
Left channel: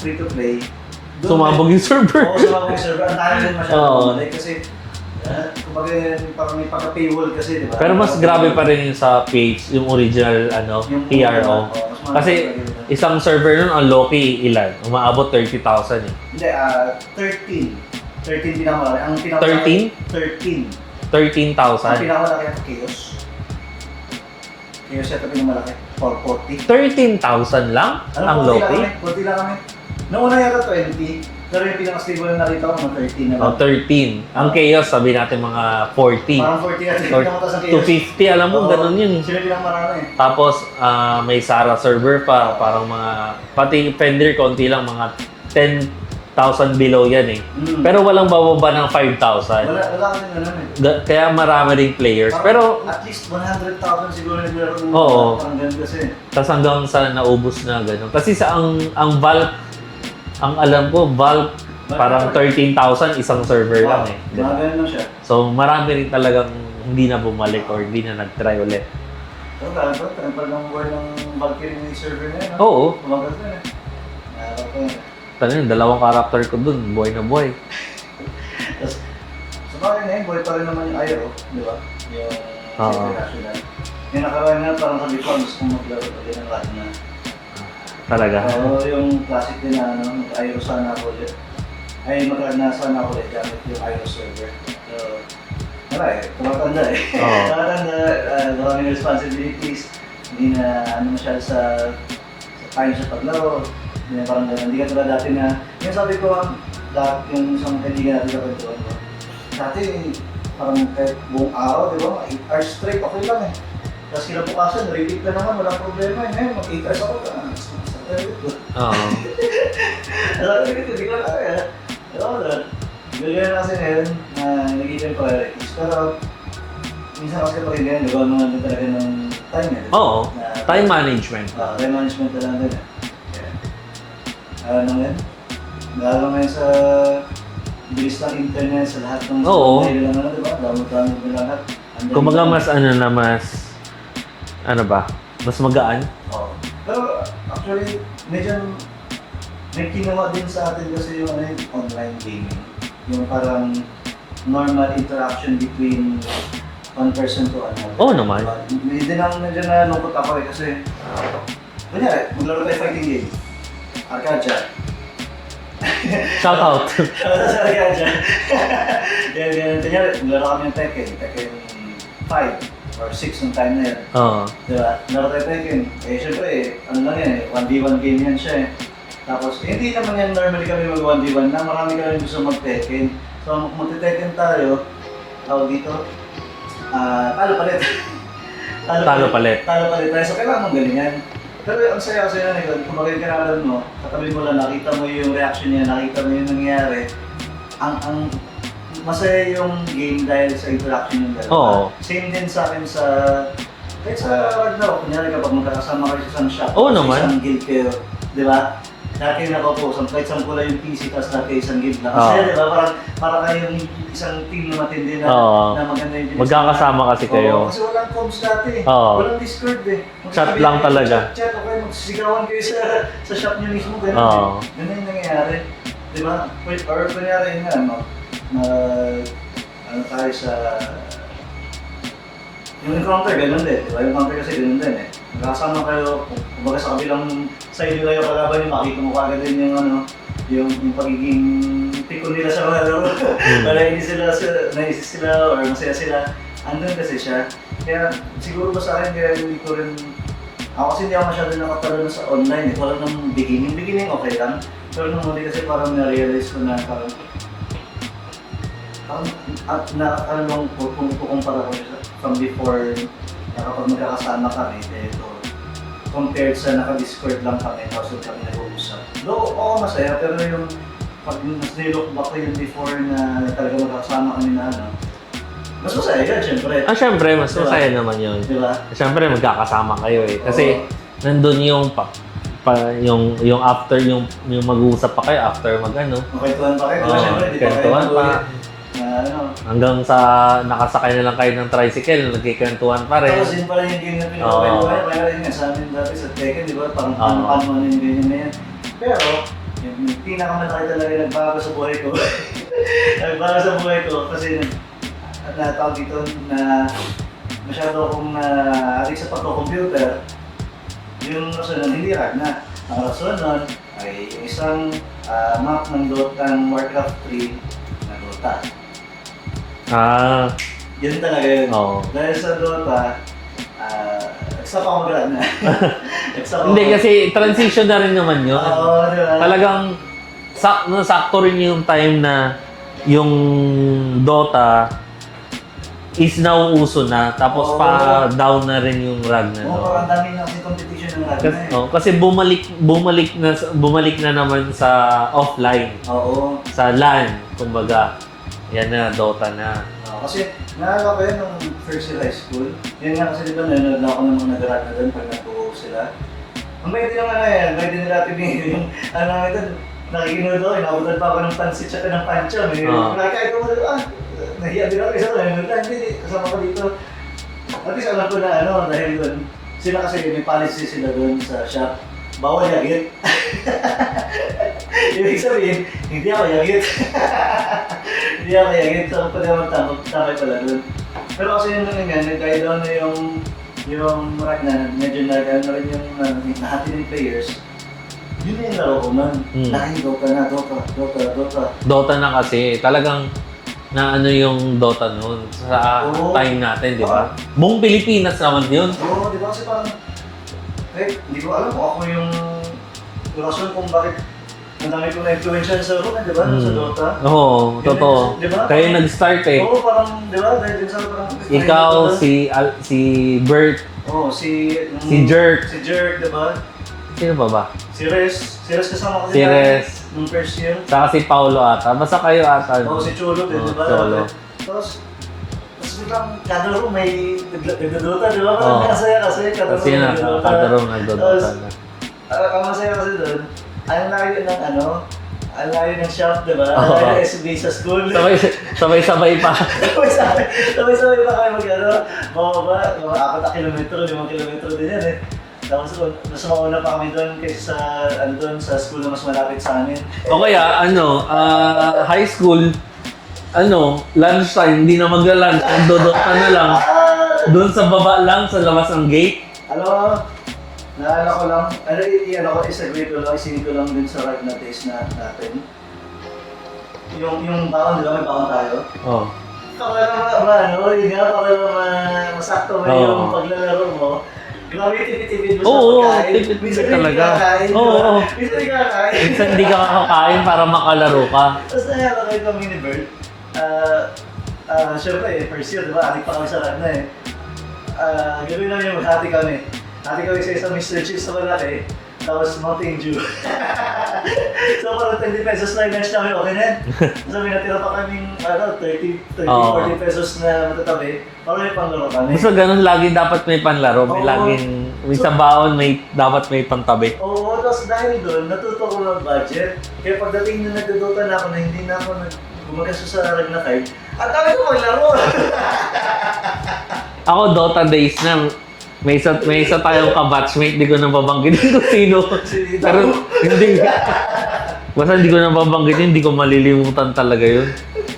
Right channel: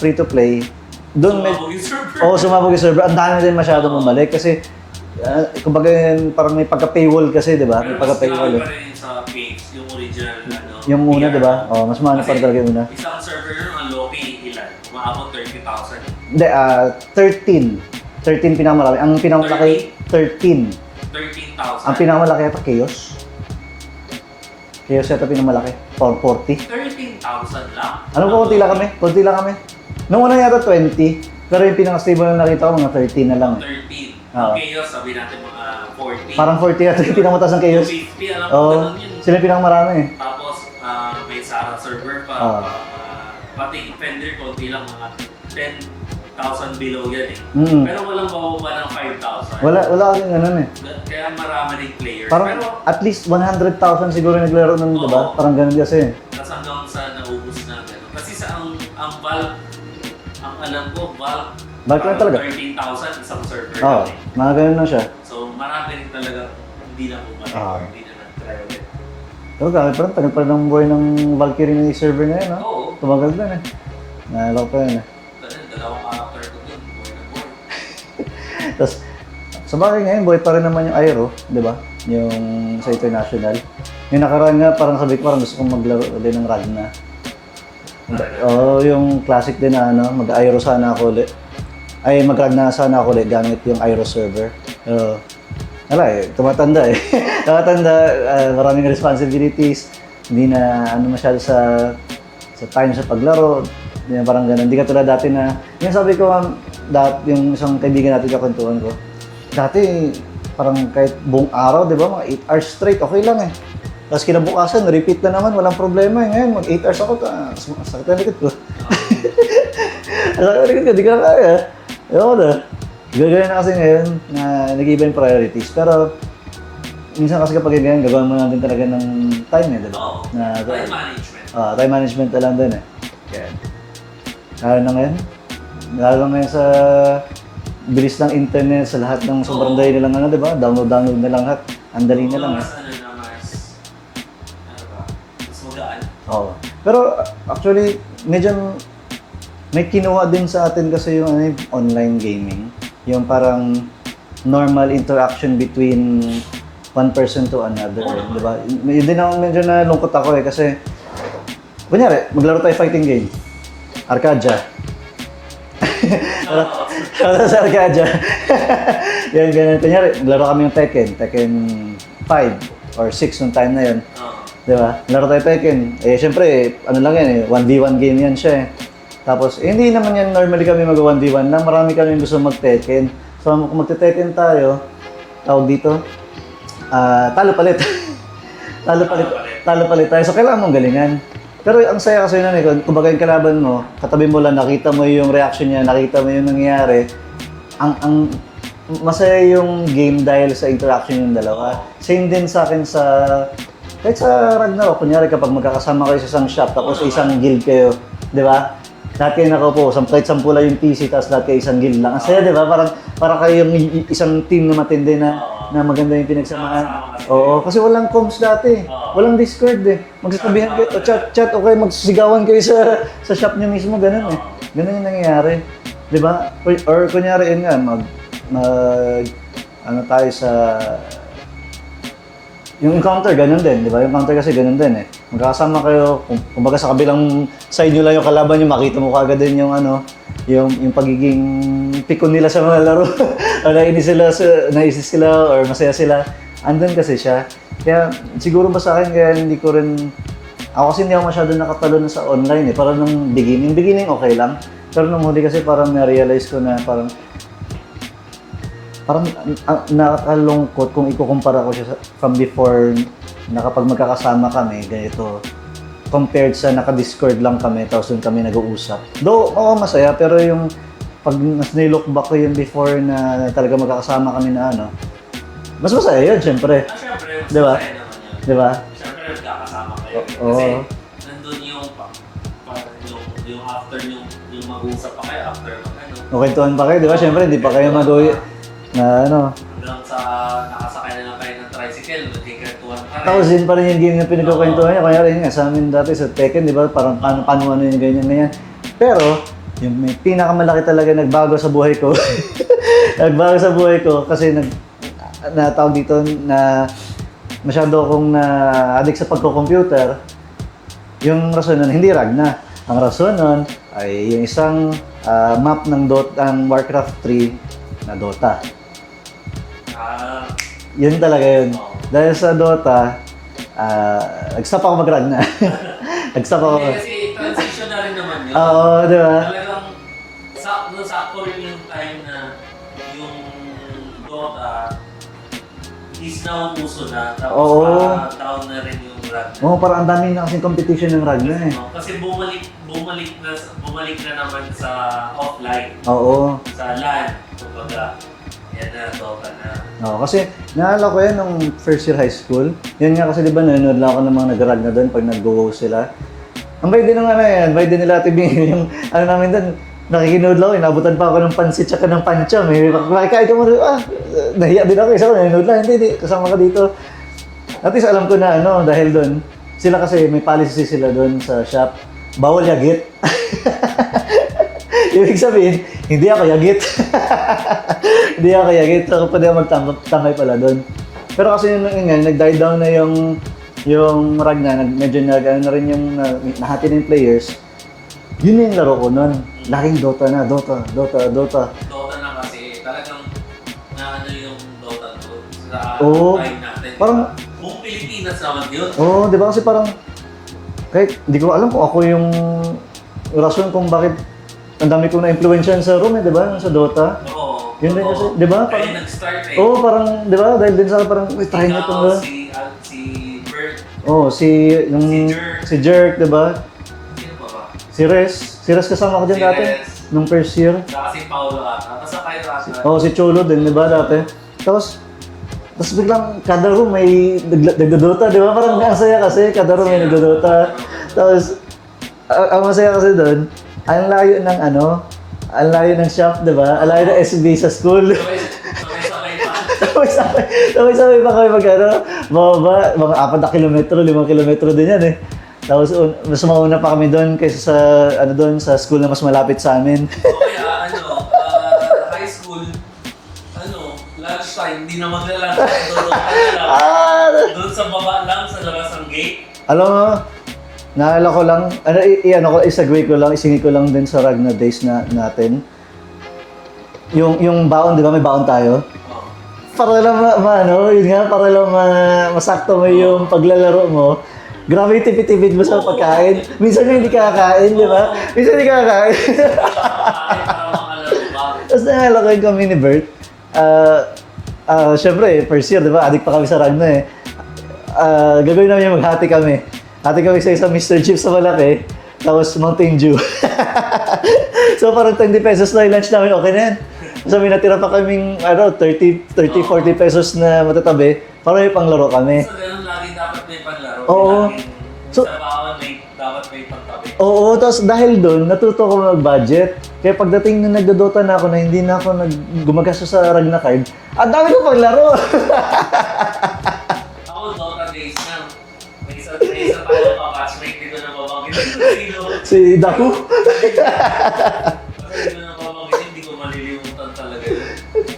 free to play, sumabog yung server. Oo, sumabog yung server. Ang dami din masyadong bumalik kasi kumbaga parang may pagka-paywall kasi, di ba? Pero mas grabe pa rin yung sa page, yung original yung una, PRO. diba? Mas mahal kasi talaga yun. Isang server nun, ang low-key ilan? Umaabot 30,000 eh. Hindi, 13 pinakamalaki. Ang pinakamalaki, 13. 13,000? Ang pinakamalaki ata Chaos. Chaos ito pinakamalaki. 440. 13,000 lang? Konti lang kami. Nung una yata 20. Pero yung pinaka-stable na nakita ko, mga 13 na lang. 13. Ang chaos, sabi natin mga 40. Parang 40 at yung pinakamatas ng chaos. 250, alam mo, ganun yun. Sila yung pinakamarami eh. Tapos, may Sara server pa, Oo. parang mga, pati Fender, konti lang, mga 10,000 below yan eh. Pero walang bababa ng 5,000. Wala kami ganun eh. Kaya marami ring players. Parang Pero, at least 100,000 siguro naglaro ng Oo. diba? Parang ganun kasi. tas hanggang sa naubos na gano'n. Kasi sa ang bulk, ang alam ko, bulk, Bulk parang talaga. 13,000 isang server Oo, lang eh. mga ganun na siya. So, marami rin talagang hindi na bumalik Oo. or hindi na nag-try ulit. Pero parang tagal pa ng buhay ng Valkyrie na yung server na yun. No? Oo. Tumagal din eh. Naalala ko pa yun eh. Tanong, dalawang character ko dun, buhay na buhay. Tapos, sa bagay ngayon, buhay pa rin naman yung Aero, di ba? Yung sa Oo. International. Yung nakaraan nga, parang sabi ko, parang gusto kong maglaro ulit ng Ragna. Talaga. Oo, yung classic din na ano, mag-Aero sana ako ulit. Ay, mag-Ragna sana ako ulit gamit yung Aero server. Wala eh, tumatanda eh. Oo. Tumatanda, maraming responsibilities, hindi na ano masyado sa time sa paglaro. Hindi na parang ganun. Hindi ka tulad dati na, yung sabi ko nga, yung isang kaibigan natin kakwentuhan ko, dati parang kahit buong araw, di ba, mga 8 hours straight, okay lang eh. Tapos kinabukasan, repeat na naman, walang problema eh. Ngayon, mag 8 hours ako, sakit na likod ko. Oo. Sakit na likod ko, di ko na kaya. Ewan ko na. Gagawin na kasi ngayon na nag-iba yung priorities. Pero, minsan kasi kapag ganyan, gagawin mo natin talaga ng time eh. Diba? Oo. Na, Time management. time management na lang din eh. Yeah. Lalo na ngayon. Lalo ngayon sa bilis ng internet, sa lahat ng Oo. sabay na lang ano, diba? Download na lang lahat. Ang dali Kumbaga na lang. mas ano ba? Mas magaan. Oo. Pero actually, medyo may kinuha din sa atin kasi yung ano, yung online gaming. Yung parang normal interaction between one person to another. Oo naman. Diba? Yun din naman medyo nalungkot ako eh kasi kunyari, maglaro tayo fighting game. Arcadia. Shout out. Shoutout sa Arcadia. Yan, ganun. Kunyari, maglaro kami ng Tekken 5 or 6 nung time na yun. Oo. Diba? Laro tayo Tekken. Eh, syempre, ano lang yan eh, 1v1 game yan siya eh. Tapos, hindi naman yan normally kami mag-1v1 na marami kami gusto mag-Tekken. So, kung mag-Tekken tayo, tawag dito, talo palit. Talo palit. Talo palit tayo. So, kailangan mong galingan. Pero ang saya kasi nun eh, kumbaga yung kalaban mo, katabi mo lang, nakita mo yung reaction niya, nakita mo yung nangyayari. Ang masaya yung game dahil sa interaction yung dalawa. Oo. Same din sa akin sa kahit sa Ragnarok, kunyari kapag magkakasama kayo sa isang shop, Oo sa naman. isang guild kayo, di ba? Lahat kayo nakaupo, kahit sampula yung PC, tapos lahat kayo isang guild lang. Oo. Kasi di ba, parang kayo yung isang team na matindi na, Oo. na maganda yung pinagsamahan. Magkakasama kasi kayo. Oo, kasi walang comms dati. Oo. Walang Discord eh. Magsasabihan lang kayo, talaga. chat, okay, magsisigawan kayo sa shop niyo mismo, ganun eh. Oo. Ganun yung nangyayari. Di ba? Or kunyari yun nga, ano tayo sa yung encounter, ganun din, di ba? Yung encounter kasi ganun din eh. Magkakasama kayo, kumbaga sa kabilang side nyo lang yung kalaban nyo, makita mo kagad din yung ano, yung pagiging pikon nila sa mga laro. O naisis sila or masaya sila. Andun kasi siya. Kaya siguro ba sa akin, kaya hindi ko rin, ako kasi hindi ako masyado nakatalo na sa online eh. Parang nung beginning okay lang. Pero nung huli kasi parang na-realize ko na parang nakakalungkot kung ikukumpara ko siya from before na kapag magkakasama kami, ganito, compared sa naka-Discord lang kami, tapos doon kami nag-uusap. Though, oo, masaya, pero yung pag nililook back ko yun before na talaga magkakasama kami na ano, mas masaya yun, syempre. Syempre, mas Diba? masaya naman yun. Di ba? Syempre, magkakasama kayo eh. Kasi, nandun yung yung after, yung mag-uusap pa kayo after mag-ano. Okay, tuwan pa kayo, di ba? Oo, Syempre, hindi pa kayo kwentuhan mag-uwi. pa. Na ano. Hanggang sa nakasakay na lang kayo ng tricycle, nagkikantuhan pa rin. Tapos din pa rin yung game na pinagkakwento niya. Kaya rin nga, sa amin dati sa Tekken, di ba? Parang paano yung ganyan na yan. Pero, yung pinakamalaki talaga nagbago sa buhay ko. Nagbago sa buhay ko kasi natawag dito na masyado akong addict sa pagko-computer. Yung rason nun, hindi Ragna. Ang rason nun ay yung isang map ng Warcraft 3 na Dota. Yun talaga yun. Oo. Dahil sa Dota, nag-stop ako mag-Ragna. Nag-stop ako. Hindi, kasi transition na rin naman yun. Oo, di ba? Talagang sakto rin yung time na yung Dota is nauuso na. Tapos Oo. down na rin yung Ragnar. Oo, parang ang dami na kasing competition ng Ragnar eh. Kasi bumalik na naman sa offline, Oo. sa LAN, kumbaga. Yan na, Dota na. Oo, kasi naalala ko yan nung first year high school. Yan nga kasi di ba nanonood lang ako ng mga nag-Ragnar doon pag nag-go host sila. Ang bay din ng ano yan, bay din nila tibingin yung ano namin doon. Nakikinood lang, inabutan pa ako ng pansit tsaka ng pancha. May makikain ka mo, nahiya din ako, isa ko nanonood lang, hindi, kasama ka dito. At least alam ko na ano, dahil doon, sila kasi may policy sila doon sa shop, bawal yagit. Ibig sabihin, hindi ako yagit. Hindi ako yagit, so pwede ako magtangay pala doon. Pero kasi yun lang yun, nag-die down na yung Ragnar, medyo ano na rin yung nahati ng players. Yun na yung laro ko nun. Laging Dota na, Dota. Dota na kasi, talagang na ano yung Dota noon sa Oo. time natin, di Parang- ba? Buong Pilipinas naman yun. Oo, di ba kasi parang, kahit hindi ko alam kung ako yung rason kung bakit ang dami kong na-influensyan sa room di ba? Sa Dota. Oo, Yun totoo. din, di ba? Kaya Parang- nag-start eh. Oo, parang, di ba? Dahil din sa parang... Ikaw, si Bert, Oo, si Jerk. Si Jerk, di ba? sino ba ba? Si Res kasama ko Si din Res. nung first year. Saka si Paulo ata. Basta kayo ata. Oo, si Cholo din, di ba? Cholo. Dati. Tapos biglang kada room may nagdodota, di ba? Parang Oo. masaya kasi kada room may nagdodota. Kada room nagdodota Tapos, ang masaya kasi doon, ang layo ng ano, ang layo ng shop, di ba? Ang layo ng SB sa school. Sabay-sabay pa. Sabay-sabay pa kami mag-ano, mga 4 na kilometro, 5 kilometro din yan eh. Tapos mas mauna pa kami doon kaysa sa ano doon sa school na mas malapit sa amin. O kaya, high school, lunchtime, hindi na magla-lunch, nagdodota na lang. Doon sa baba lang, sa labas ng gate. Alam mo, naalala ko lang, isa-grade ko lang, isingit ko lang din sa Ragnar days na natin. Yung baon, di ba may baon tayo? Oh. Para lang yun nga, para lang masakto mo yung paglalaro mo. Grabe yung tipid-tipid mo sa Oo, pagkain. tipid-tipid Minsan hindi talaga. kakain, di ba? Oo. Minsan hindi kakain. Minsan hindi ka makakain para makalaro ka. Tapos naalala ko yung kami ni Bert. Siyempre, first year, di ba? Adik pa kami sa Ragnar eh. Gagawin namin yung maghati kami. Hati kami sa isang Mr. Chips sa malaki. Tapos Mountain Dew. So parang 20 pesos na yung lunch namin, okay na yan. So may natira pa kaming 30, 40 pesos na matatabi para may panglaro kami. So ganun, lagi dapat may panlaro. May Oo. laging, sa baon, dapat may pantabi. Oo, tapos dahil doon, natuto ko mag-budget. Kaya pagdating na nagdodota na ako na hindi na ako gumagastos sa Ragnar Card, ang dami ko paglaro! Ako, Dota days na, may isa tayong ka-batchmate, di ko nang babanggitin kung sino. Si Daru. Hindi. Basta hindi ko nang babanggitin, hindi ko malilimutan talaga yun.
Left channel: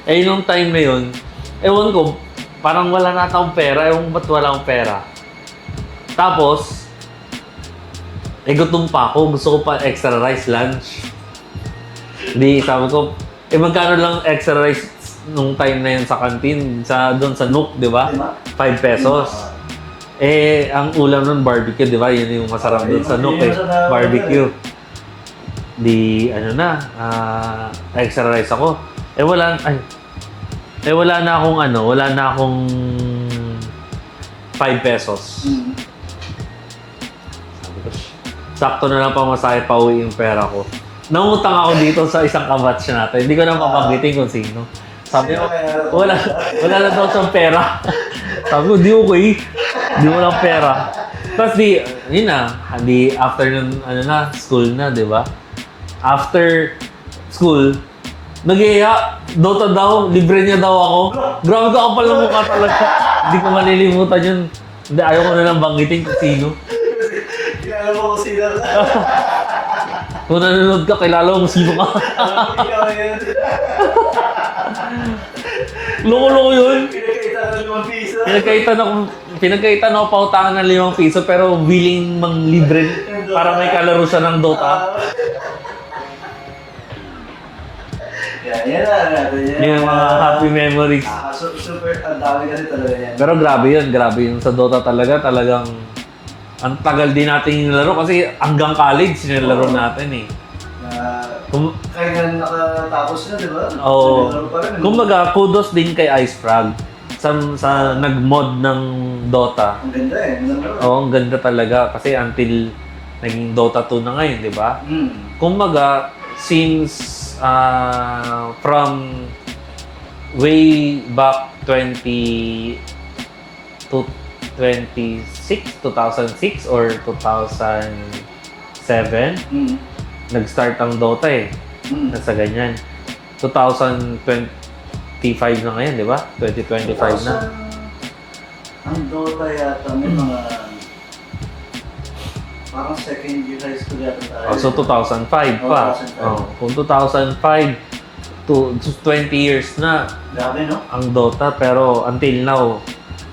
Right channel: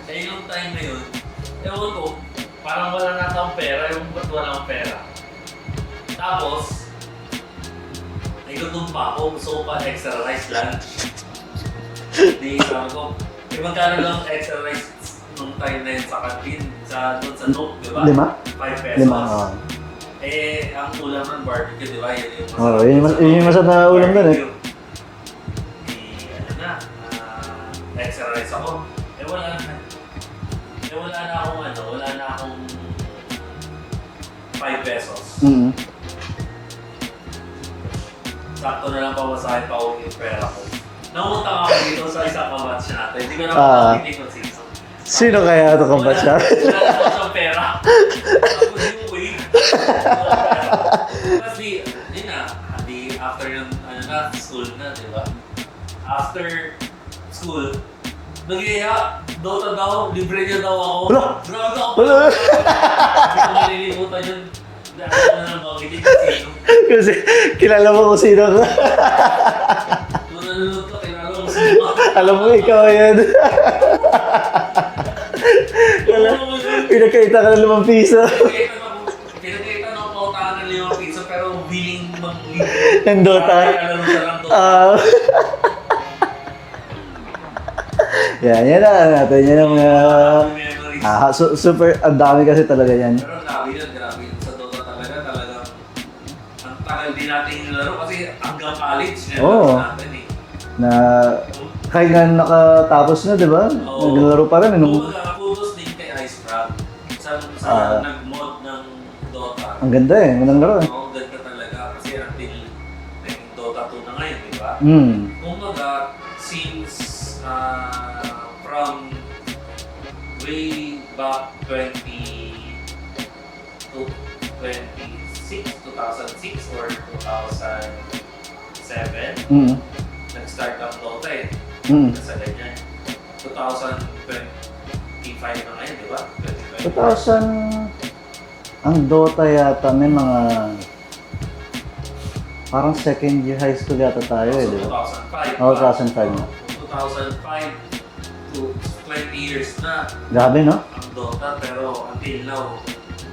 Eh, nung time na yun, ewan ko, parang wala na akong pera, ewan ko ba't wala akong pera. Tapos, gutom pa ako, gusto ko pa extra rice lunch. Di, sabi ko, magkano lang extra rice nung time na yun sa canteen, doon sa Nook, di ba? 5? 5 pesos. 5, Ang ulam nun, barbecue, di ba? Yun yung masarap Oo, dun sa yun Nook, yung masarap na ulam barbecue. Di, extra rice ako. Wala na akong 5 pesos. Mm-hmm. Sakto na lang pamasahe pa uwi yung pera ko. Nangutang ako dito sa isang kabatch natin. Hindi ko na mapanggitin kung sino. Sino kaya ito Wala na daw siyang pera. Sabi ko, di okay. Di mo lang pera. Tapos after nun, school na, di ba? After school, nag-iaya, Dota daw, libre niya daw ako. Grabe ka kapal na mukha talaga. Hindi ko malilimutan yun. Hindi, ayaw ko na lang banggitin kung sino. Kasi kilala mo kung sino ka. Kung nanonood ka, kilala mo kung sino ka. Alam mo, ikaw yan. Loko-loko yun. Pinagkaita ka ng 5 piso. Pinagkaitan ako pautangan ng 5 piso pero willing mang libre Ng Dota. para may kalaro siya ng Dota. Yan na natin. Yan Yung mga happy memories. Super, ang dami kasi talaga yan. Pero grabe yun sa Dota talagang ang tagal din natin nilaro kasi hanggang college nilaro Oo. natin eh. Na Kum- kahit na nakatapos na, di ba? Oo. Naglaro pa rin. Ano? Kumbaga, kudos din kay Ice Frog sa nag-mod ng Dota. Ang ganda eh, magandang laro. Oo, ang ganda talaga kasi until naging Dota 2 na ngayon, di ba? Kumbaga, since from way back 2006 or 2007, nag-start ang Dota eh. Nasa ganyan. 2025 na ngayon, di ba? 2025 na. Ang Dota yata may mga parang second year high school yata tayo. So, 2005 pa. Oo, 2005. Kung 2005 to 20 years na Grabe, no? ang Dota, pero until now,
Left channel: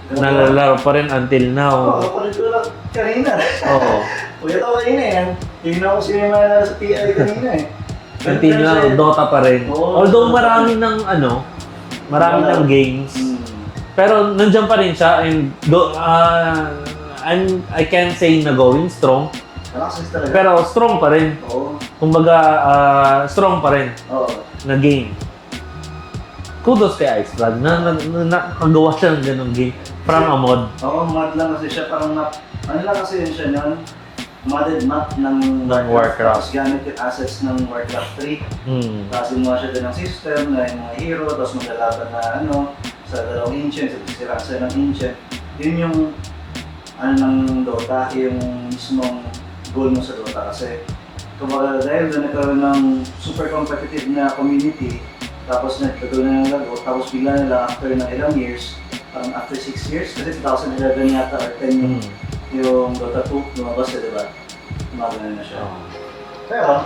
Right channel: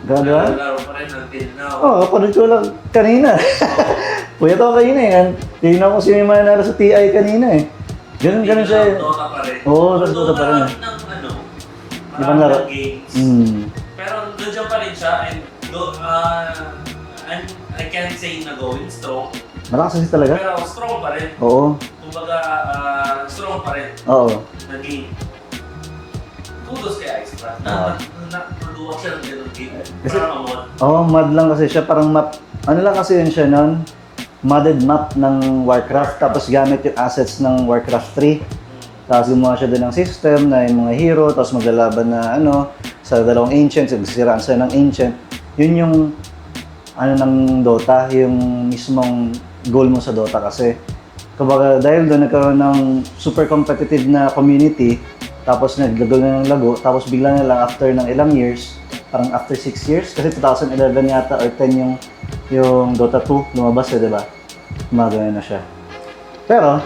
Grabe. nalalaro pa rin until now. Oo, ako ko lang kanina. Oo. Kuya to kanina eh. Tingnan ko sino yung manalo sa TI kanina eh. Ganun Until ganun now, siya. Dota pa rin. Oo, Although Dota pa marami rin. ng marami Laro. ng games. Hmm. Pero nandiyan pa rin siya and I can't say na going strong, Malakas kasi talaga. pero strong pa rin. Oo. Kumbaga, strong pa rin Oo. na game. Kudos kay Ice Frog na nakagawa siya ng ganung game. Parang mod. Oo, mod lang kasi siya. Parang map. Ano lang kasi yun siya nun? Modded map ng Warcraft. Tapos gamit yung assets ng Warcraft 3. Tapos gumawa siya din ng system na yung mga hero. Tapos maglalaban na sa dalawang ancients. Magsisiraan sila ng ancient. Yun yung ng Dota. Yung mismong goal mo sa Dota kasi. Kumbaga dahil doon nagkaroon ng super competitive na community. Tapos naglago na ng lago. Tapos bigla na lang after ng ilang years, parang after 6 years, kasi 2011 yata or 10 yung Dota 2 lumabas di ba? Gumagana na siya. Pero,